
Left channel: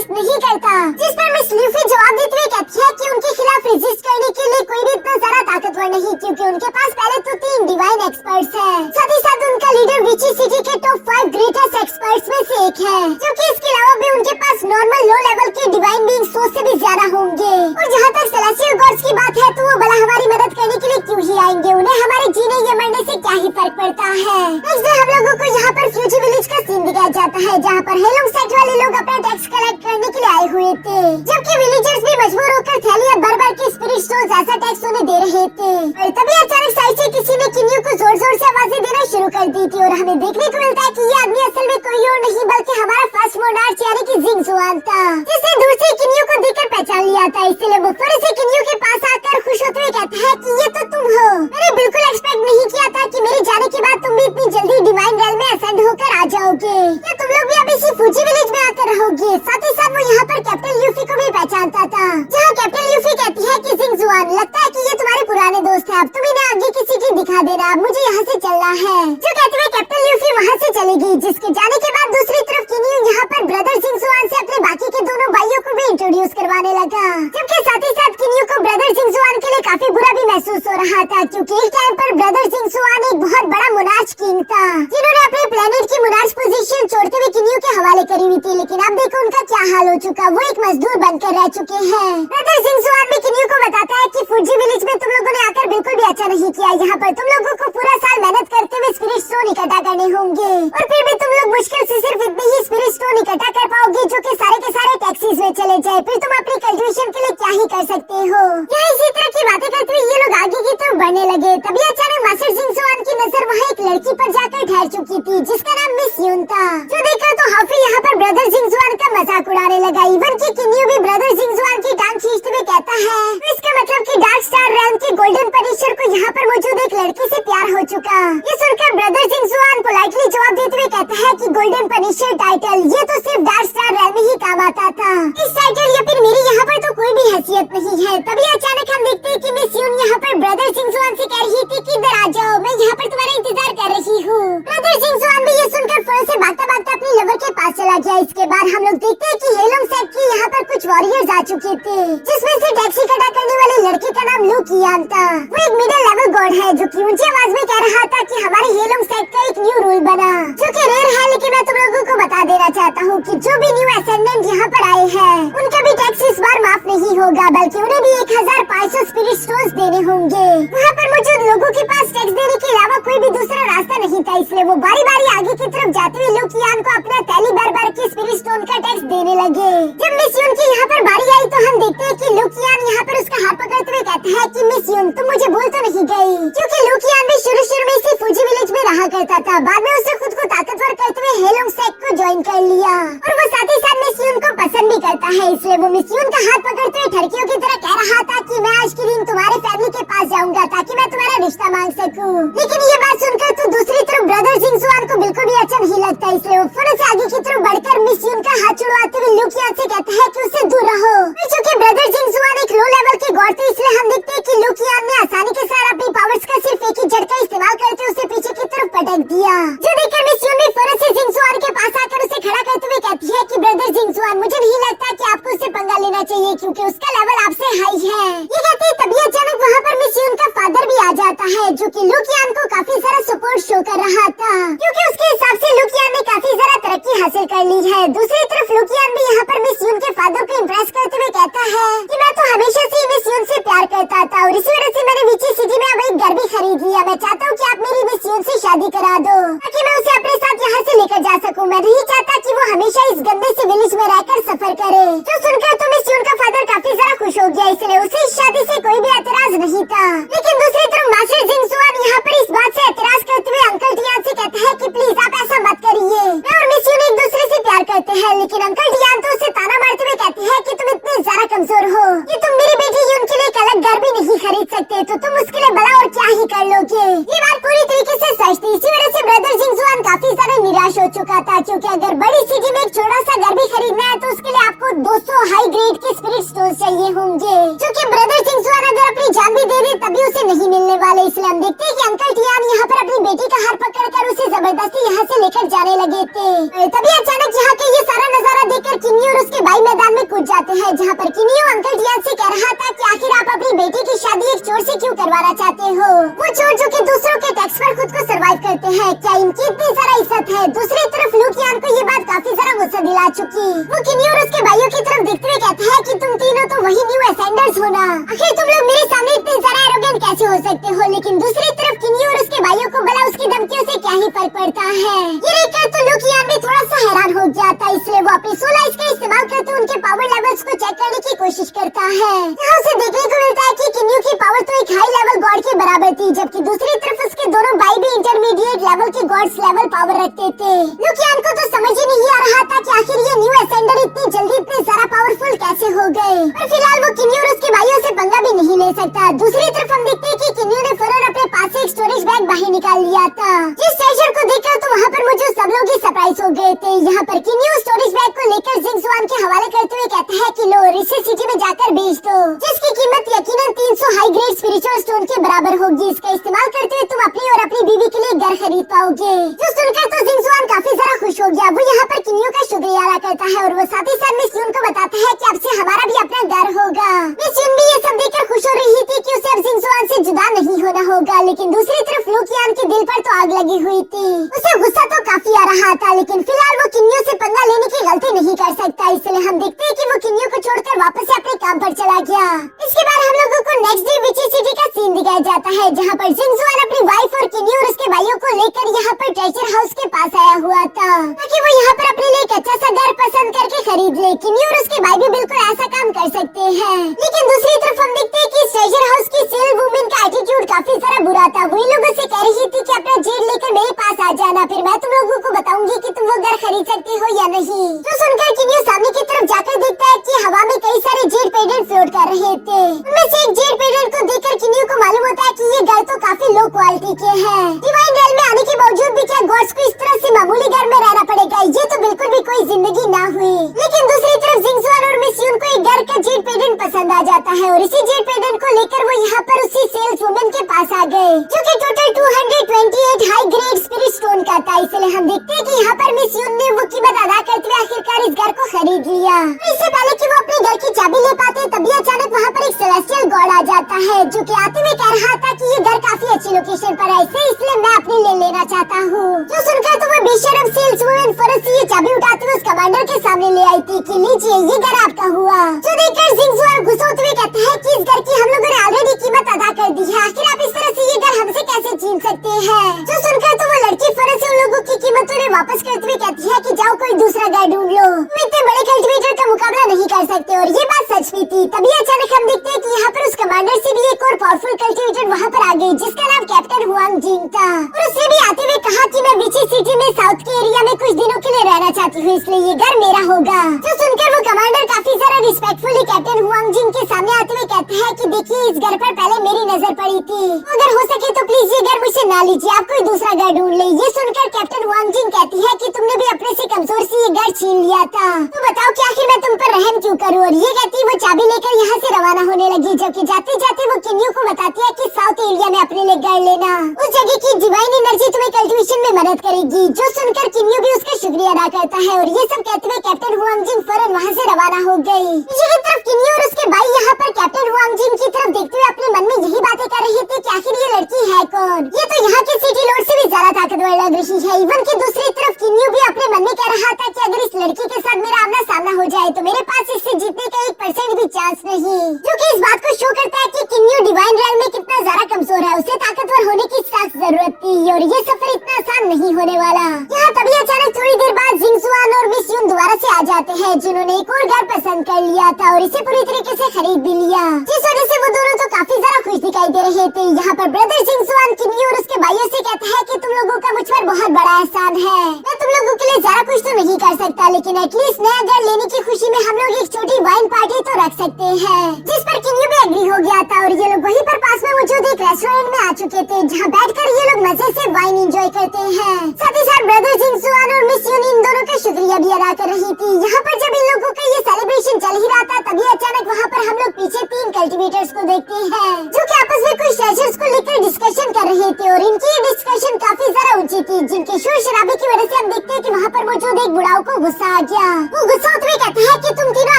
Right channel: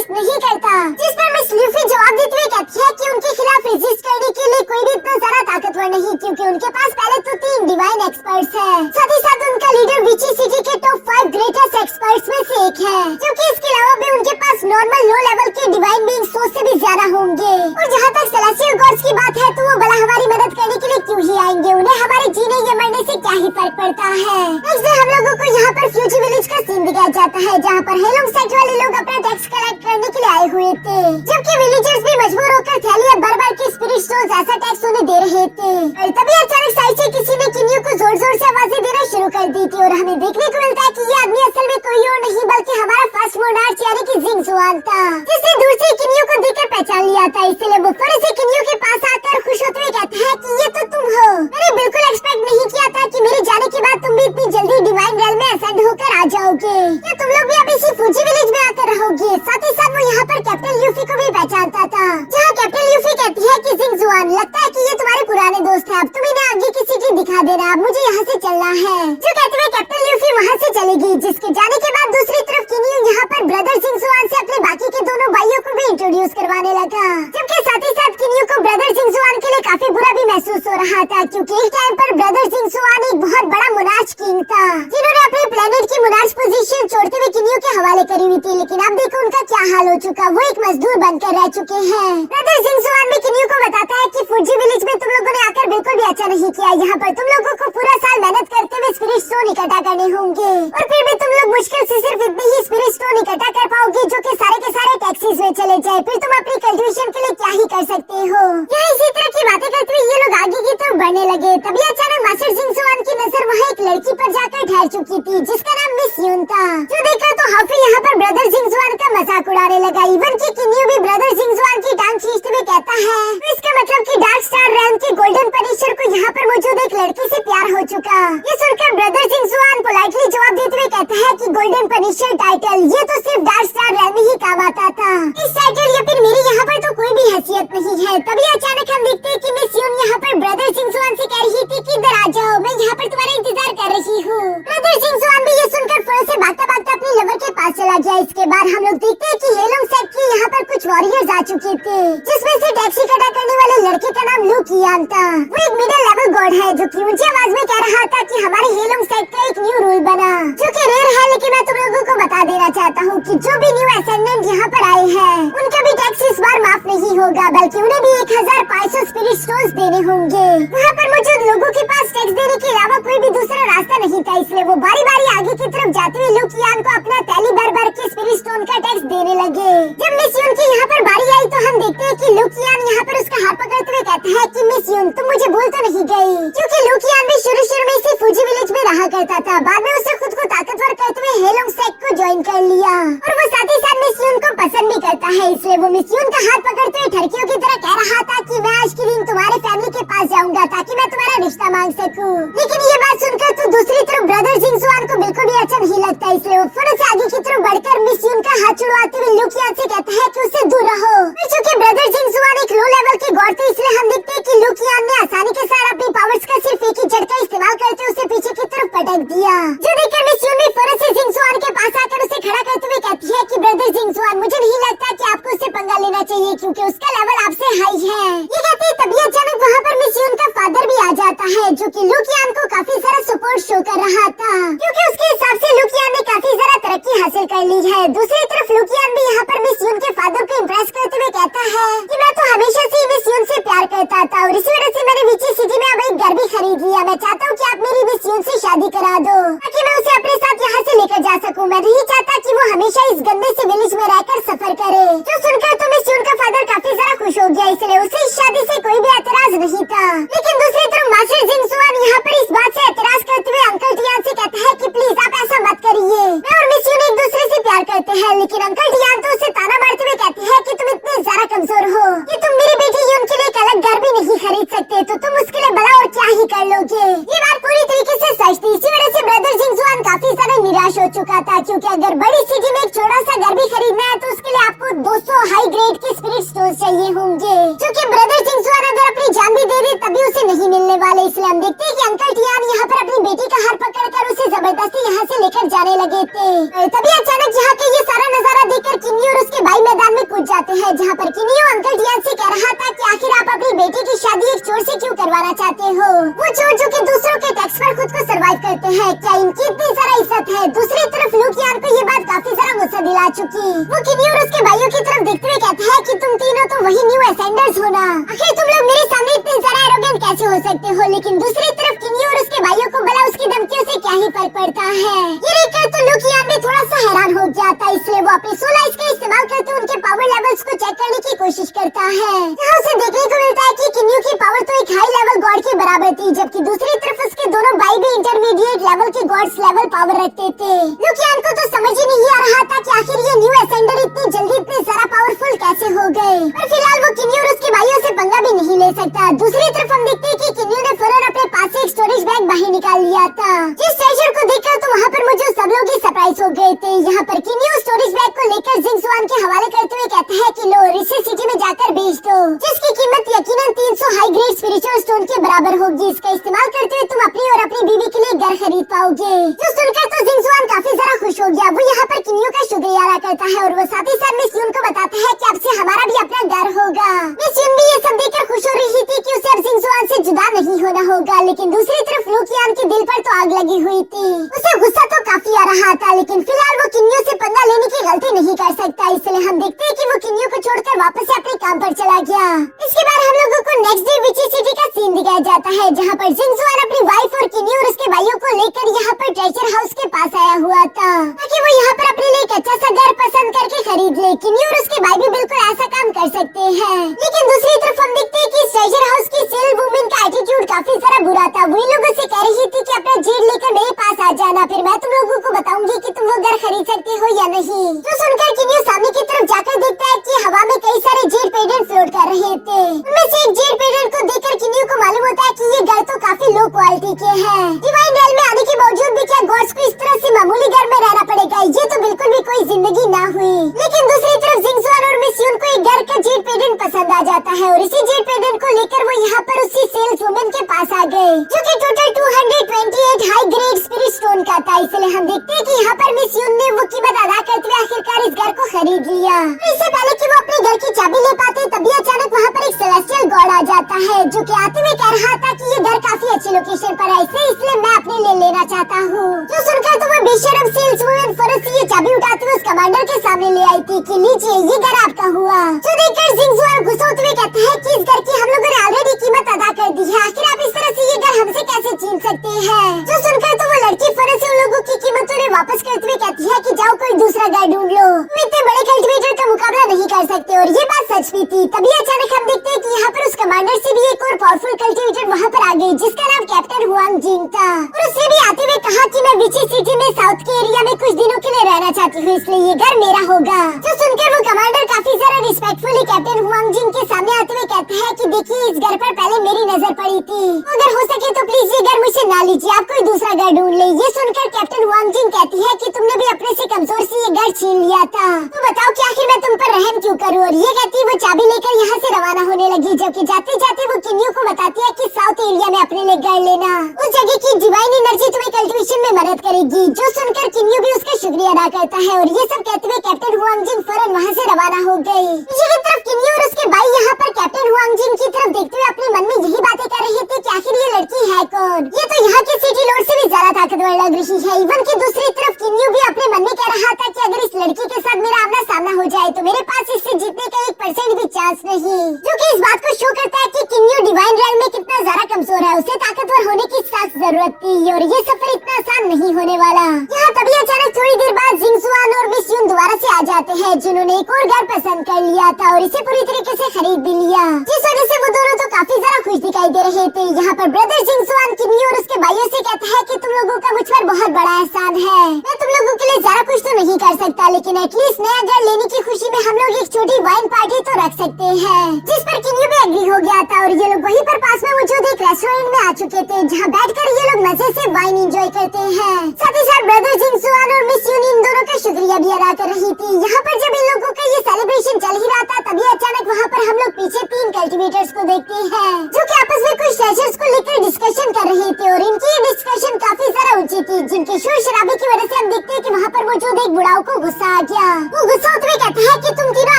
रेजिस्ट नहीं करता, जिस पर मिस ल्यूफी जवाब देती हुई कहती है कि उनके खिलाफ रेजिस्ट करने के लिए कोई भी इतना ज्यादा ताकतवर नहीं, क्योंकि उनके पास पहले तो 3 डिवाइन एक्सपर्ट्स है, साथ ही साथ उनका लीडर विची सिटी के टॉप 5 ग्रेटेस्ट एक्सपर्ट्स में से एक है, जो कि इसके अलावा भी उनके पास नॉर्मल लो लेवल के डिवाइन बीइंग 100 से भी ज्यादा होंगे। और जहाँ तक सेलेस्टियल गॉड्स की बात है तो वो भला हमारी मदद करने के लिए क्यों ही आएंगे, उन्हें हमारे जीने या मरने से क्या ही फर्क पड़ता है। नेक्स्ट डे हम लोगों को यहाँ पर फ्यूजी विलेज का सीन दिखाया जाता है, जहाँ पर हेलोंग सेट वाले लोग अपना टैक्स कलेक्ट करने के लिए आए हुए थे, जबकि विलेजर्स भी मजबूर होकर थैलियां भर-भर के स्पिरिट स्टोन्स ऐसा टैक्स उन्हें दे रहे थे। और तभी अचानक साइड से किसी ने किन्यू को जोर-जोर से आवाजें देना शुरू कर दी थी, और हमें देखने को मिलता है कि ये आदमी असल में कोई और नहीं बल्कि हमारा फर्स्ट मोनार्च यानी कि जिंग जुआन था, जिसने दूर से किन्यू को देखकर पहचान लिया था। इसलिए वो फौरन से किन्यू के पास आकर खुश होते हुए कहता है कि ये तो तुम हो, मैंने बिल्कुल एक्सपेक्ट नहीं किया था कि मेरे जाने के बाद तुम भी इतनी जल्दी डिवाइन रेल में असेंड होकर आ जाओगे, या तुम लोग भी अब इसी फूजी विलेज में आकर रहोगे। साथ ही साथ वो यहाँ पर कैप्टन ल्यूफी को भी पहचानता था, जहाँ कैप्टन ल्यूफी कहती है कि जिंग जुआन, लगता है कि ये तुम्हारे पुराने दोस्त है, अब तुम इन्हें आगे की सिटी दिखा देना, मुझे यहाँ से चलना है। जो कहते हुए कैप्टन ल्यूफी वहाँ से चलेगी, जिसके जाने के बाद दूसरी तरफ किन्यू यहाँ पर ब्रदर जिंग जुआन से अपने बाकी के दोनों भाइयों को भी इंट्रोड्यूस करवाने लगा, जबकि साथ ही साथ किन्यू को ब्रदर जिंग जुआन के लिए काफी बुरा भी महसूस हो रहा था, क्योंकि इस टाइम पर ब्रदर जिंग जुआन एक बहुत बड़ा मोनार्च किंग था, जिन्होंने अपने प्लेनेट की मोनार्च पोजीशन छोड़ते हुए किन्यू के हवाले करी हुई थी। लेकिन अब देखो उनका क्या हाल हो चुका, वो एक मजदूर बनकर रह चुके हैं। ब्रदर जिंग जुआन में किन्यू को बताता है कि फूजी विलेज में तुम लोगों ने आकर बिल्कुल भी अच्छा नहीं किया, यहाँ पर तुम लोगों को पूरा साल मेहनत करते हुए स्पिरिट स्टोन इकट्ठा करने होंगे, और फिर भी तुम लोग मुश्किल से सिर्फ इतने ही स्पिरिट स्टोन इकट्ठा कर पाओगे जो कि सारे के सारे टैक्सेस में चले जाए, फिर तुम अपनी कल्टिवेशन के लिए क्या ही कर सकते हो। यहाँ इसी तरह की बातें करते हुए ये लोग आगे की तरफ बढ़ने लगे, तभी अचानक मास्टर जिंग जुआन की नजर वहाँ एक लड़की पर जाकर ठहर चुकी थी, जिसका नाम मिस यून था, जो देखा तो हाफी यहाँ पर ब्रदर जिंग जुआन का मजाक उड़ाने लगा। इवन की किन्यू भी ब्रदर जिंग जुआन की टांग खींचते हुए कहता है, इसका मतलब कि डार्क स्टार रैम के गोल्डन पनिशर को यहाँ पर मौजूद एक लड़की से प्यार हो चुका। ये सुनकर ब्रदर जिंग जुआन पोलाइटली जवाब देते हुए कहता है कि गोल्डन पनिशर टाइटल ये तो सिर्फ डार्क स्टार रैम में ही काम आता था, इस टाइटल या फिर मेरी यहाँ पर तो कोई भी हैसियत नहीं है। तभी अचानक हम देखते हैं कि मिस यून यहाँ पर ब्रदर जिंग जुआन से कह रही थी कि इधर आ जाओ, मैं यहाँ पर तुम्हारा इंतजार कर रही हूँ। ब्रदर जिंग जुआन भी ये सुनकर फोन से भागता-भागता अपनी लवर के पास चला गया। इसके बाद हम लोग देखते हैं कि हेलोंग सेट की यहाँ पर कुछ वॉरियर्स आ चुके थे, जिसमें से टैक्सी इकट्ठा करने वाले लड़के का नाम लू कियान था। वो एक मिडिल लेवल गॉड है जो कि ऊंची आवाज में कह रहा था कि हमारे हेलोंग सेट का एक न्यू रूल बना, जो कि रेयर है, लेकिन मैं तुम लोगों को बता देना चाहता हूँ कि जो भी न्यू असेंडेंट यहाँ पर आए हैं उनका भी टैक्स इस बार माफ नहीं होगा, बल्कि उन्हें भी 1500 स्पिरिट स्टोन्स देने होंगे। वहाँ पर मौजूद लोगों के पास टैक्स देने के अलावा कोई भी दूसरा रास्ता नहीं था, इसलिए वो बारी बारी आगे की तरफ जाते हुए लू कियान को अपना थैली भर-भर के स्पिरिट स्टोन का टैक्स देने लगे। जब मिस यून की यहाँ पर बारी आई तो हम देखते हैं कि लू कियान यहाँ पर उसका हाथ पकड़ते हुए कहता है कि मिस यून तुम मुझे भूल तो नहीं गई, क्योंकि लू कियान भी शुरू में इसी फूजी विलेज में रहा करता था, बाद में उसने खुद को ताकतवर करते हुए हेलोंग सेट को ज्वाइन कर लिया, और वो साथ ही साथ मिस यून को पसंद भी करता है, इसलिए वो मिस यून का हाथ पकड़ते हुए ठरकियों की तरह कह रहा था कि मैं आज के दिन तुम्हारे फैमिली के पास जाऊंगा ताकि मैं तुम्हारा रिश्ता मांग सकूं। लेकिन ये बात सुनकर तो दूसरी तरफ ब्रदर जिंग जुआन को बिल्कुल भी अच्छा नहीं लगता, इसलिए वो फौरन से आगे की तरफ बढ़कर मिस यून का हाथ छुड़वाते हुए लू कियान से कहता है कि उससे दूर रहो। चूंकि ब्रदर जिंग जुआन एक लो लेवल के गॉड थे, इसलिए हम देखते हैं कि लू कियान ने आसानी के साथ अपनी पावर्स का सिर्फ एक ही झटका इस्तेमाल करके उसे पीछे की तरफ पटक दिया, जो देखकर मिस यून भी फौरन से जिंग जुआन के पास आकर उसे खड़ा करते हुए कहती है कि ब्रदर जिंग जुआन मुझे नहीं लगता कि आपको उससे पंगा लेना चाहिए, क्योंकि उसका लेवल आपसे हाई है। ये कहते तभी अचानक वहाँ पर मिस यून का फादर भी आ जाता है, जो कि लू कियान को काफी सारा सपोर्ट शो कर रहा था, क्योंकि उसके हिसाब से लू कियान ने काफी सारा तरक्की हासिल कर ली है। दूसरी तरफ लू कियान भी यहाँ पर मिस यून के फादर को इम्प्रेस करते हुए कहता है कि मैं तो हमेशा से मिस यून से प्यार करता था, और इसी वजह से मैंने विची सिटी में अब एक घर भी खरीद लिया। मैं चाहता हूँ कि आप मेरी मिस यून से शादी करा दो ताकि मैं उसे अपने साथ यहाँ से लेकर जा सकूँ। मैं नहीं चाहता कि वो हमेशा इस गंदे से विलेज में रहकर सफर करे। जो सुनकर तो मिस यून का फादर काफी सारा खुश हो गया, इसलिए उसे इस शादी से कोई भी एतराज नहीं था। लेकिन दूसरी तरफ मास्टर जिंग जुआन यहाँ पर इस बात से एतराज करते हुए अंकल डियान से कहता है कि प्लीज आप ऐसा मत करिए, मैं और मिस यून एक दूसरे से प्यार करते हैं। लेकिन अंकल डियान तो उसे ताना मारते हुए कहते हैं कि तुम इतने ज्यादा कमजोर हो कि तुम मेरी बेटी यून के लिए एक अलग घर भी नहीं खरीद सकते, तो तुम उसके लिए भला और क्या ही कर लोगे। ये बात पूरी तरीके से सच थी, इसी वजह से ब्रदर जिंग जुआन काफी ज्यादा निराश हो चुका था, क्योंकि अगर बड़ी सिटी में एक छोटा सा घर भी खरीदना है तो उसके लिए आपको 200 हाई ग्रेड के स्पिरिट स्टोन चाहिए होंगे, जो कि ब्रदर जिंग जुआन अगर अपनी जान भी दे दे तभी उसे नहीं मिलने वाले। इसलिए हम देखते हैं कि अंकल डियान यहाँ पर अपनी बेटी का हाथ पकड़कर उसे जबरदस्ती से यहाँ से लेकर जाने लगे थे। तभी अचानक यहाँ के ये सारा नजारा देखकर किन्नी और उसके भाई मैदान में कूद जाते हैं, जहाँ पर किन्नी अंकल टियान से कह रहा था कि आखिर आप अपनी बेटी की शादी एक चोर से क्यों करवाना चाहते हो। वो चोर जो कि दूसरों के टैक्स पर खुद को सर्वाइव करते हैं, क्या इनकी इतनी सारा इज्जत है। दूसरी तरफ लुकियान को ये बात काफी सारा गुस्सा दिला चुकी। वो किन्नी और उसके भाइयों की तरफ देखते हुए कहता है कि तुम तीनों तो वही न्यू असेंडर्स हो ना, आखिर तुम लोग मेरे सामने इतने सारे एरोगेंट कैसे हो सकते हो। लेकिन दूसरी तरफ किन्नी और उसके भाइयों को भला उसकी धमकियों से क्या ही फर्क पड़ता है। ये देखकर तो लुकियान भी थोड़ा सा हैरान हो गया था, इसलिए वो अपनी सोला इसका इस्तेमाल करते उनके पावर लेवल्स को चेक करने की कोशिश करता है। यहाँ से देखने को मिलता है कि किन्नी की पावर तो एक हाई लेवल गॉड के बराबर थी, जबकि दूसरी तरफ उसके दोनों भाई भी इंटरमीडिएट लेवल के गॉड्स लेवल पावर रखते थे। लुकियान को तो समझ ही नहीं आ रहा था कि आखिर ये न्यू असेंडर इतनी जल्दी इतने सारा पावरफुल कैसे हो गए। पर फिलहाल वो किन्नी और उसके भाइयों से पंगा भी नहीं ले सकता। दूसरी तरफ हम देखते हैं कि किन्नी ने फौरन अपने पास से एक स्टोरेज बैग बाहर निकाल लिया था, जिस ट्रेजर को देखकर तो वहाँ पर मौजूद सब लोग ही सरप्राइज हो गए थे। यहाँ पर किन्नी उस स्टोरेज बैग को लेकर जिंगजुआन के हवाले करते हुए कहता है कि लो रिसे सिटी में जाकर बेच दो, जिसकी कीमत यकीनन 300 हाई ग्रेड स्पिरिचुअल स्टोन के बराबर होगी। इसका इस्तेमाल करते हुए तुम अपनी और अपनी बीवी के लिए घर खरीद पाओगे। जो सुनकर तो जिंगजुआन काफी सारा खुश हो गया। वो यहाँ पर किन्नियों का शुक्रिया अदा करता है और वो साथ ही साथ मिस यून को बताता है कि अब से हमारा भी अपना घर होगा। मिस यून भी ये सब देखकर खुश हो रही थी कि उसे अब जिंगजुआन से जुदा नहीं होना होगा। लेकिन दूसरी तरफ लुकियान के दिल पर तो आग लगी हुई थी। उसे गुस्सा तो काफी आ रहा था, लेकिन फिलहाल वो किन्नियों से पंगा लेने की गलती नहीं कर सकता। इसलिए हम देखते हैं कि वो किन्नियों को छोड़कर वापस से अपने काम पर चला गया। इसके बाद हम लोगों को नेक्स्ट डे विची सिटी का सीन दिखाया जाता है, जहाँ पर जिंगजुआन अपनी वाइफ और किन्नी और उसके भाइयों को लेकर यहाँ पर ट्रेजर हाउस के पास आया हुआ था, ताकि वो यहाँ पर अपने लिए एक अच्छा सा घर पसंद करके खरीद ले। किन्नी और उसके भाई भी बिल्कुल ऐसा काम कर सकते हैं। लेकिन दूसरी तरफ हम देखते हैं कि ट्रेजर हाउस की सेल वुमेन का एटीट्यूड काफी सारा बुरा था। वही लोगों से कह रही थी कि अपना जेड लेकर मेरे पास आ जाना, फिर मैं तुम लोगों को बताऊंगी कि तुम वो घर खरीद सकती हो या नहीं। तो सुनकर किन्नी सामने की तरफ जाकर देखता है कि हवा में कई सारे जेड पेडेंट फ्लोट कर रहे थे। उनमें से एक जेड पेडेंट को देखकर किन्नी को मालूम होता है कि ये घर तो काफी लो क्वालिटी के हैं। डिवाइन रेल में आने के बावजूद भी क्या गॉड्स को इस तरह से मामूली घर में रहना पड़ेगा, ये तो बिल्कुल भी कोई जिंदगी ना हुई। लेकिन दूसरी तरफ जिंगजुआन और मिस यून को एक घर का जेड पेडेंट पसंद आ जाता है और इसी जेड पेडेंट को लेकर वो यहाँ पर उसी सेल्स वुमेन के पास आ गए, जो कि total 228 high grade spirit stone का था। इसलिए हम देखते हैं कि यहाँ पर मिस यून ने वो कीमत अदा करते हुए आखिरकार इस घर को खरीद लिया। इससे पहले कि वो अपने घर की चाबी ले पाते तभी अचानक वहाँ पर एक सेलेस्टियल गॉड आ जाता है, जो कि आते हुए कह रहा था कि ये घर काफी अच्छी लोकेशन पर है, इसलिए मैं अपने लिए लेना चाहता हूँ। जो सुनकर तो वो बेशरम सेल्स वुमेन फौरन से ये चाबी उठाते हुए उस कमांडर के सामने ले आई थी कि लीजिए ये घर आपका हुआ। जो देखकर जिंगजुआन गुस्सा होते हुए कहता है कि इस घर की हम लोगों ने ऑलरेडी कीमत अदा कर दी है, आखिर आप इस तरह से ये घर हमसे कैसे छीन सकते हैं। जो सुनकर तो वो लड़की फौरन से उन लोगों की कीमत उन्हें वापस करते हुए कहती है कि जाओ कोई दूसरा घर ढूंढ लो, तुम इतने बड़े कल्टिवेटर का मुकाबला नहीं कर सकते। और ये बात सच भी थी। तभी अचानक हम देखते हैं कि यहाँ पर उस कमांडर से भी एक और पावरफुल कल्टिवेटर वहाँ पर आ गई, जिसका नाम कैप्टन हुआंग जिंग था। और उसने भी आते हुए कहा कि मैं विची सिटी में साउथ के एरिया में कुछ दिनों के लिए रहना चाहती हूँ, इसलिए ये घर मेरा होगा। जो सुनकर वो कमांडर काफी सारा रिस्पेक्टफुली कैप्टन हुआंग जिंग के सामने आते हुए कहता है कि देखिए इस घर पर पहले मेरी नजर पड़ी थी, अगर हो सके तो प्लीज ये घर मुझसे ना लीजिए, आप कोई दूसरा घर ढूंढ ले। ये सुनकर कैप्टन हुआंग जिंग कहती है कि तुमने भी अपने से कमजोर से ये घर छीन लिया था, तो बताओ कि आखिर मैं तुम पर रहम क्यों करूँ। और ये कहती वो चाबी लेकर यहाँ से रवाना होने लगी, जबकि जाते जाते वो किन्नियों को बताती है कि साउथ एरिया में अपने लिए घर लेना, उस जगह की डिवाइन एनर्जी तुम्हें कल्टिवेशन में मदद करेगी। जो सुनकर किन्नियों भी उसका शुक्रिया अदा करता है और ये सब कहते हुए कैप्टन हुआंग जिंग फौरन वहाँ से रवाना हो गई। इसी की तरफ किन्नियों और उसके भाई यहाँ पर कैप्टन हुआंग जिंग की तरफ देखते हुए अपने मन में यही बातें कर रहे थे कि आखिर ये लड़की है कौन, ये तो यहाँ के सिटी लॉर्ड से भी ज्यादा ताकतवर लग रही है। इवन की दूसरी तरफ किन्नियों भी अपने मन में कह रहा था कि अगर इस लड़की के साथ मेरा आमना सामना हो जाए तो मेरे पास इससे जीतने का 1% भी चांस नहीं, जो कि इस बात को शो करता है कि किन्नियों डिवाइन रैल में कितना ज्यादा कमजोर है, उसे ताकतवर होने की सख्त जरूरत थी और ये सफर इतना आसान नहीं होने वाला। यहाँ तभी अचानक थोड़ी देर बाद जिंगजुआन और मिस यून दोबारा से आ जाते हैं, जिन्होंने एक और घर पसंद कर लिया था और इसे पूरी तरीके से खरीद भी लिया, जिस वजह से वो दोनों तो काफी ज्यादा खुश दिखाई दे रहे थे। यहाँ पर ब्रदर जिंगजुआन किन्नी और उसके भाइयों से कहता है कि तुम लोगों का मुझ पर बहुत बड़ा एहसान है, मैं तुम लोगों के लिए ज्यादा कुछ तो नहीं कर सकता, लेकिन एटलीस्ट नया घर लेने की खुशी में हम लोग एक छोटी वाइन पार्टी तो रख सकते हैं। जिस पर किन्नी भी एग्री हो गया था और ये लोग वहीं पर पास में मौजूद एक रेस्टोरेंट में आ चुके थे, जहाँ बैठकर ये लोग मजे से वाइन एंजॉय करते हैं। साथ ही साथ ब्रदर जिंगजुआन और मिस यून इन दोनों का शुक्रिया भी अदा कर रही थी। यहाँ पर जब इन लोगों का ये सेलिब्रेशन चल ही रहा था तभी अचानक वहाँ पर हम लोग पीछे 3 कल्टिवेटर्स को देखते हैं, जो कि आपस में कुछ ट्रेजर्स को लेकर डिस्कशन कर रहे थे और इनकी ये डिस्कशन काफी सारा ऊंची रही थी, जिनकी शोर शराबे की वजह से हम देखते हैं कि वहाँ पर मौजूद एक बुढ़ाओ को गुस्सा आ गया। वो गुस्सा होते हुए कहता है कि तुम तीनों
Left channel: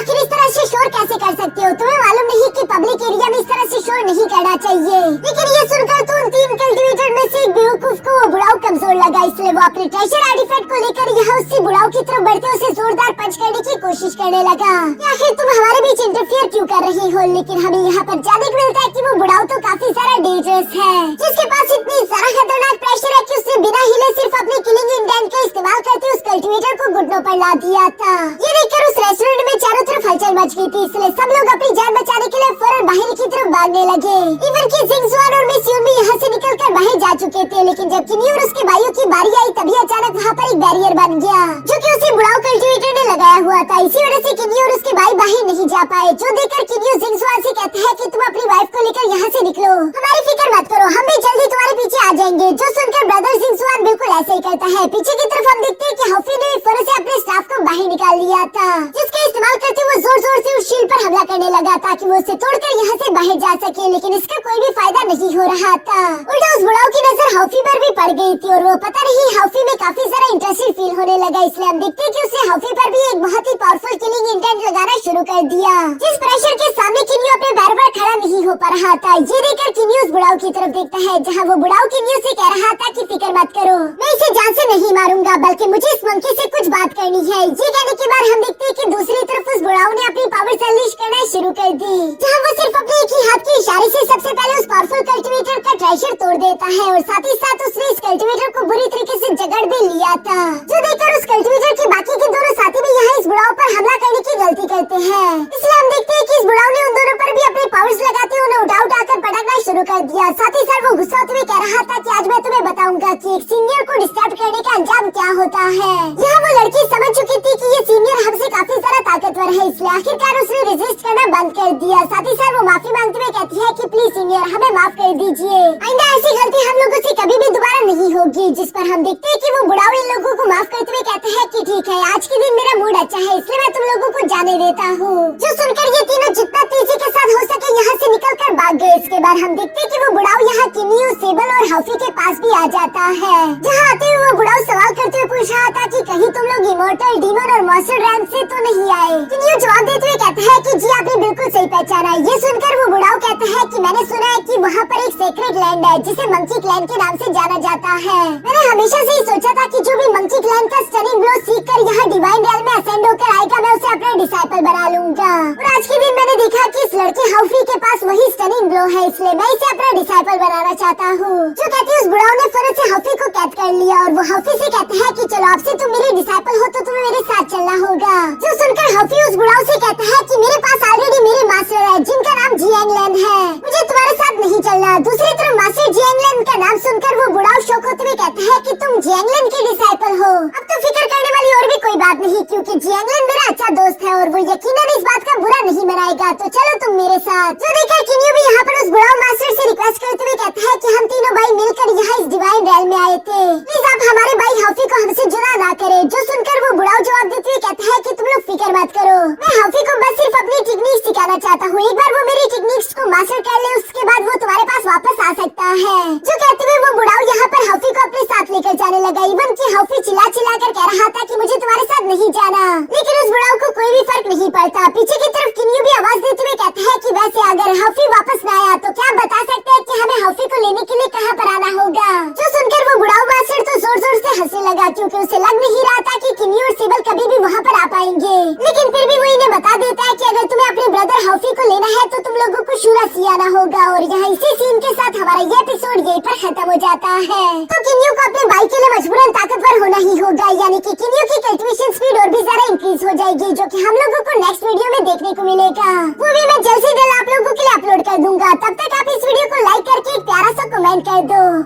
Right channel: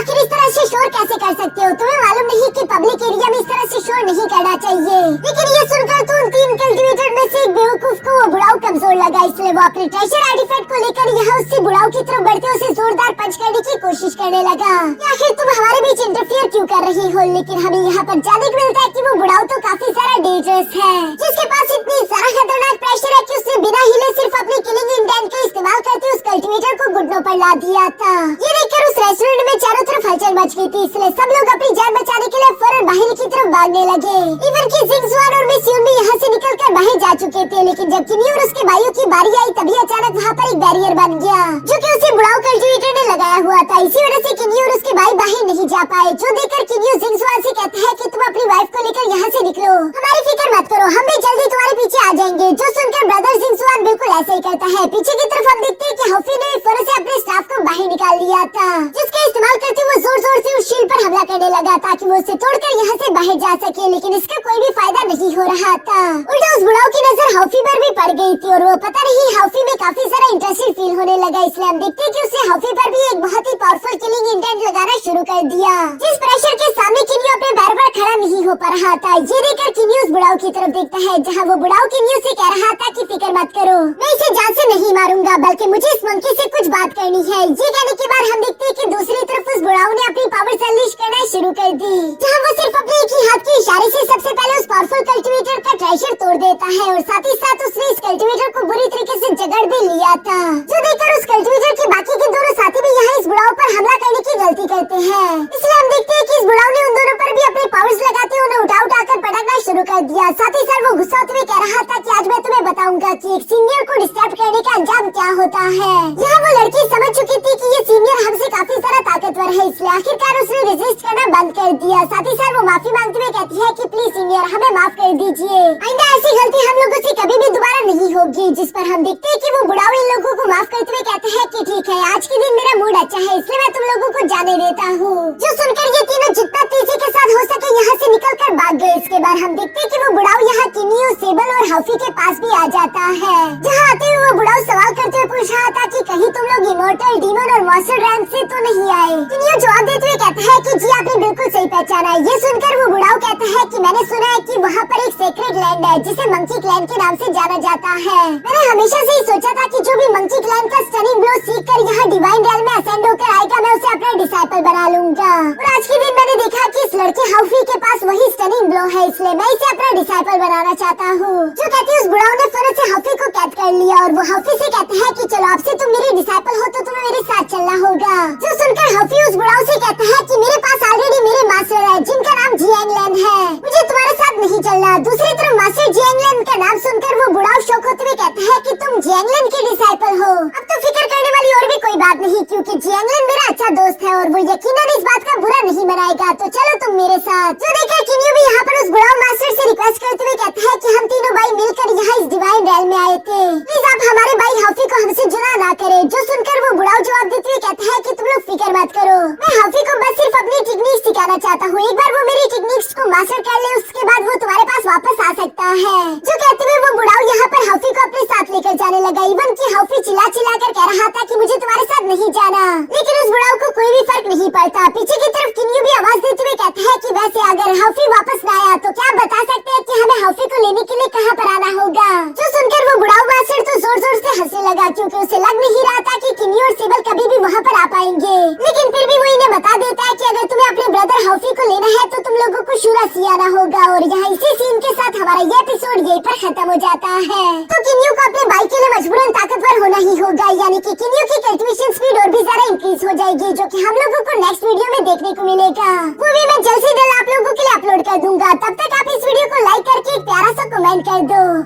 आखिर इस तरह से शोर कैसे कर सकते हो? तुम्हें मालूम नहीं कि पब्लिक एरिया में इस तरह से शोर नहीं करना चाहिए। लेकिन ये सुनकर तो उन 3 कल्टीवेटर में से एक बेवकूफ को वो बुढ़ाओ कमजोर लगा, इसलिए वो अपने ट्रेजर आर्टिफैक्ट को लेकर यहाँ उससे बुढ़ाओ की तरफ बढ़ते उसे जोरदार पंच करने की कोशिश करने लगा। आखिर तुम हमारे बीच इंटरफियर क्यों कर रही हो? लेकिन हमें यहाँ पर जानने को मिलता है कि वो बुढ़ाओ तो काफी सारा डेंजरस है, जिसके पास इतनी सारा खतरनाक प्रेशर है कि उसने बिना हिले सिर्फ अपने किलिंग इंटेंट का इस्तेमाल करते उस कल्टीवेटर को घुटनों पर ला दिया था। ये देखकर उस रेस्टोरेंट में चारों तरफ हलचल मच गई थी, इसलिए सब लोग अपनी जान बचाने के लिए फौरन बाहर की तरफ भागने लगे। इवन की जिंगजुआन और मिस यून भी यहाँ से निकलकर बाहर जा चुके थे, लेकिन जब किनी और उसके भाइयों की बारी आई तभी अचानक वहाँ पर एक बैरियर बन गया, जो कि उसी बुढ़ाओ कल्टीवेटर ने लगाया हुआ था। इसी वजह से किनी और उसके भाई बाहर नहीं जा पाए, जो देखकर किनी जिंगजुआन से कहता है कि तुम अपनी वाइफ को लेकर यहाँ से निकलो, हमारी फिक्र मत करो, हम भी जल्दी तुम्हारे पीछे आ जाएंगे। जो सुनकर ब्रदर जिंगजुआन बिल्कुल ऐसे ही करता है। पीछे की तरफ हम देखते हैं कि हॉफी ने फौरन से अपने स्टाफ को बाहर निकाल लिया था, जिसका इस्तेमाल करते हुए जोर जोर से उस शील्ड पर हमला करने लगा ताकि वो उसे तोड़कर यहाँ से बाहर जा सके, लेकिन इसका कोई भी फायदा नहीं हो रहा था। उल्टा उस बुढ़ाओ की नजर हॉफी पर भी पड़ गई थी और वो पता नहीं हॉफी में काफी सारा इंटरेस्टेड फील होने लगा, इसलिए हम देखते हैं कि उसने हॉफी पर भी एक बहुत ही पावरफुल किलिंग इंटेंट लगाना शुरू कर दिया, जिस प्रेशर के सामने किन्यू अपने पैर पर खड़ा नहीं हो पा रहा था। ये देखकर किन्यू उस बुढ़ाओ की तरफ देखता है, जहाँ वो बुढ़ाओ किन्यू से कह रहा था कि फिक्र मत करो, मैं इसे जान से नहीं मारूंगा, बल्कि मुझे इस मंकी से कुछ बात करनी है। ये कहने के बाद हम देखते हैं कि दूसरी तरफ उस बुढ़ाओ ने अपनी पावर्स अनलीश करना शुरू कर दी, जहाँ वो सिर्फ अपने एक ही हाथ के इशारे से सबसे पहले उस पावरफुल कल्टीवेटर का ट्रेजर तोड़ देता है और साथ ही साथ उसने इस कल्टीवेटर को बुरी तरीके से जकड़ भी लिया था, जो देखकर उस कल्टीवेटर के बाकी के दोनों साथी भी यहाँ इस बुढ़ाओ पर हमला करने की गलती करते हैं। इसलिए हम देखते हैं कि इस बुढ़ाओ ने उन दोनों पर भी अपने पावर्स लगाते उन्हें उठा कर पटाखा शुरू कर दिया। साथ ही साथ वो गुस्सा होते हुए कह रहा था कि आज मैं तुम्हें बताऊंगा कि एक सीनियर को डिस्टर्ब करने का अंजाम क्या होता है। यहाँ वो लड़की समझ चुकी थी कि ये सीनियर हमसे काफी सारा ताकतवर है, इसलिए आखिरकार उसने रेजिस्ट करना बंद कर दिया। साथ ही साथ वो माफी मांगते हुए कहती है कि प्लीज सीनियर हमें माफ कर दीजिए, आइंदा ऐसी गलती हम लोगों से कभी भी दोबारा नहीं होगी। जिस पर हम देखते हैं कि वो बुढ़ाओ इन लोगों को माफ करते हुए कहते हैं कि ठीक है, आज के दिन मेरा मूड अच्छा है, इसलिए मैं तुम लोगों को जाने देता हूँ। जो सुनकर ये तीनों जितना तेजी के साथ हो सके यहाँ से निकल कर भाग गए। इसके बाद हम देखते हैं कि वो बुढ़ाओ यहाँ किनियो, सेबल और हॉफी के पास भी आ जाता है, जहाँ आते हुए वो बुढ़ाओ सवाल करते हुए पूछ रहा था कि कहीं तुम लोग इमोर्टल, डीमन और मॉन्स्टर रैंक से तो नहीं आए। किनियो जवाब देते हुए कहता है कि जी आपने बिल्कुल सही पहचाना है। ये सुनकर वो बुढ़ाओ कहता है कि मैंने सुना है कि वहाँ पर एक सेक्रेट लैंड है जिसे मंकी क्लैन के नाम से जाना जाता है। मैंने हमेशा से ही सोचा था कि जो भी मंकी क्लैन का स्टनिंग ब्लो सीख कर यहाँ डिवाइन रियल में असेंड होकर आएगा, मैं उसे अपना डिसाइपल बना लूंगा। और आज के दिन मैंने देखा कि इस लड़की हॉफी के पास वही स्टनिंग ब्लो है, इसलिए मैं इसे अपना डिसाइपल बनाना चाहता हूँ। जो कहती है उस बुढ़ाओ ने फिर से हॉफी को कैद कर लिया और वो हॉफी से कहते हैं कि चलो आपसे तुम मेरे डिसाइपल हो तो तुम्हें मेरे साथ चलना होगा। जो सुनकर हॉफी उस बुढ़ाओ से कहता है कि मेरे पास ऑलरेडी मेरे मास्टर है जिनका नाम जियांगलन है, मुझे तुम्हारे साथ नहीं चलना। दूसरी तरफ मास्टर जियांगलन का नाम सुनकर वो बुढ़ाओ शौक होते हुए कहता है कि तुम जियांगलन के डिसाइपल हो। अब तो फिक्र करने वाली और भी कोई बात नहीं, क्योंकि जियांगलन मेरा अच्छा दोस्त है और वो यकीनन इस बात का बुरा नहीं मनाएगा, तो चलो तुम मेरे साथ। जो देखकर किन्यू भी यहाँ पर उस बुढ़ाओ मास्टर से रिक्वेस्ट करते हुए कहता है कि हम तीनों भाई मिलकर यहाँ इस डिवाइन रियल में आए थे, प्लीज आप हमारे भाई हॉफी को हमसे जुड़ा ना करें। जो सुनकर वो बुढ़ाओ जवाब देते हुए कहता है कि तुम लोग फिक्र मत करो, मैं हॉफी को बस सिर्फ अपनी टेक्निक्स सिखाना चाहता हूँ। एक बार वो मेरी टेक्निक्स को मास्टर कर ले, उसके बाद वो तुम्हारे पास वापस आ सकता है। जो कहते हुए वो बुढ़ाओ यहाँ पर हॉफी को अपने साथ लेकर जाने लगा। इवन की हॉफी चिल्ला चिल्ला कर कह रहा था कि मुझे तुम्हारे साथ नहीं जाना, लेकिन उस बुढ़ाओ को कोई भी फर्क नहीं पड़ता। पीछे की तरफ किन्यू भी आवाज देते हुए कहता है कि वैसे अगर हॉफी वापस न आया तो क्या बता सकते हैं कि हमें हॉफी को लेने के लिए कहाँ पर आना होगा। जो सुनकर वो बुढ़ाओ मास्टर तो जोर जोर से हंसने लगा, क्योंकि उसे लग नहीं रहा था कि किन्यू और सेबल कभी भी वहाँ पर आ पाएंगे। लेकिन फिर भी वो इन्हें बता देता है कि अगर तुम्हें अपने ब्रदर हॉफी को लेना है तो तुम लोगों को शुरा से आना होगा। और यहाँ इसी सीन के साथ हमारा ये एपिसोड यहीं पर खत्म हो जाता है। तो किन्यू को अपने भाई के लिए मजबूरन ताकतवर होना ही होगा, यानी कि किन्यू की कल्टीवेशन स्पीड और भी ज्यादा इंक्रीज हो जाएगी, जो कि हम लोगों को नेक्स्ट वीडियो में देखने को मिलेगा। वो भी मैं जल्द से जल्द आप लोगों के लिए अपलोड कर दूंगा। तब तक आप इस वीडियो को लाइक करके एक प्यारा सा कमेंट कर दो।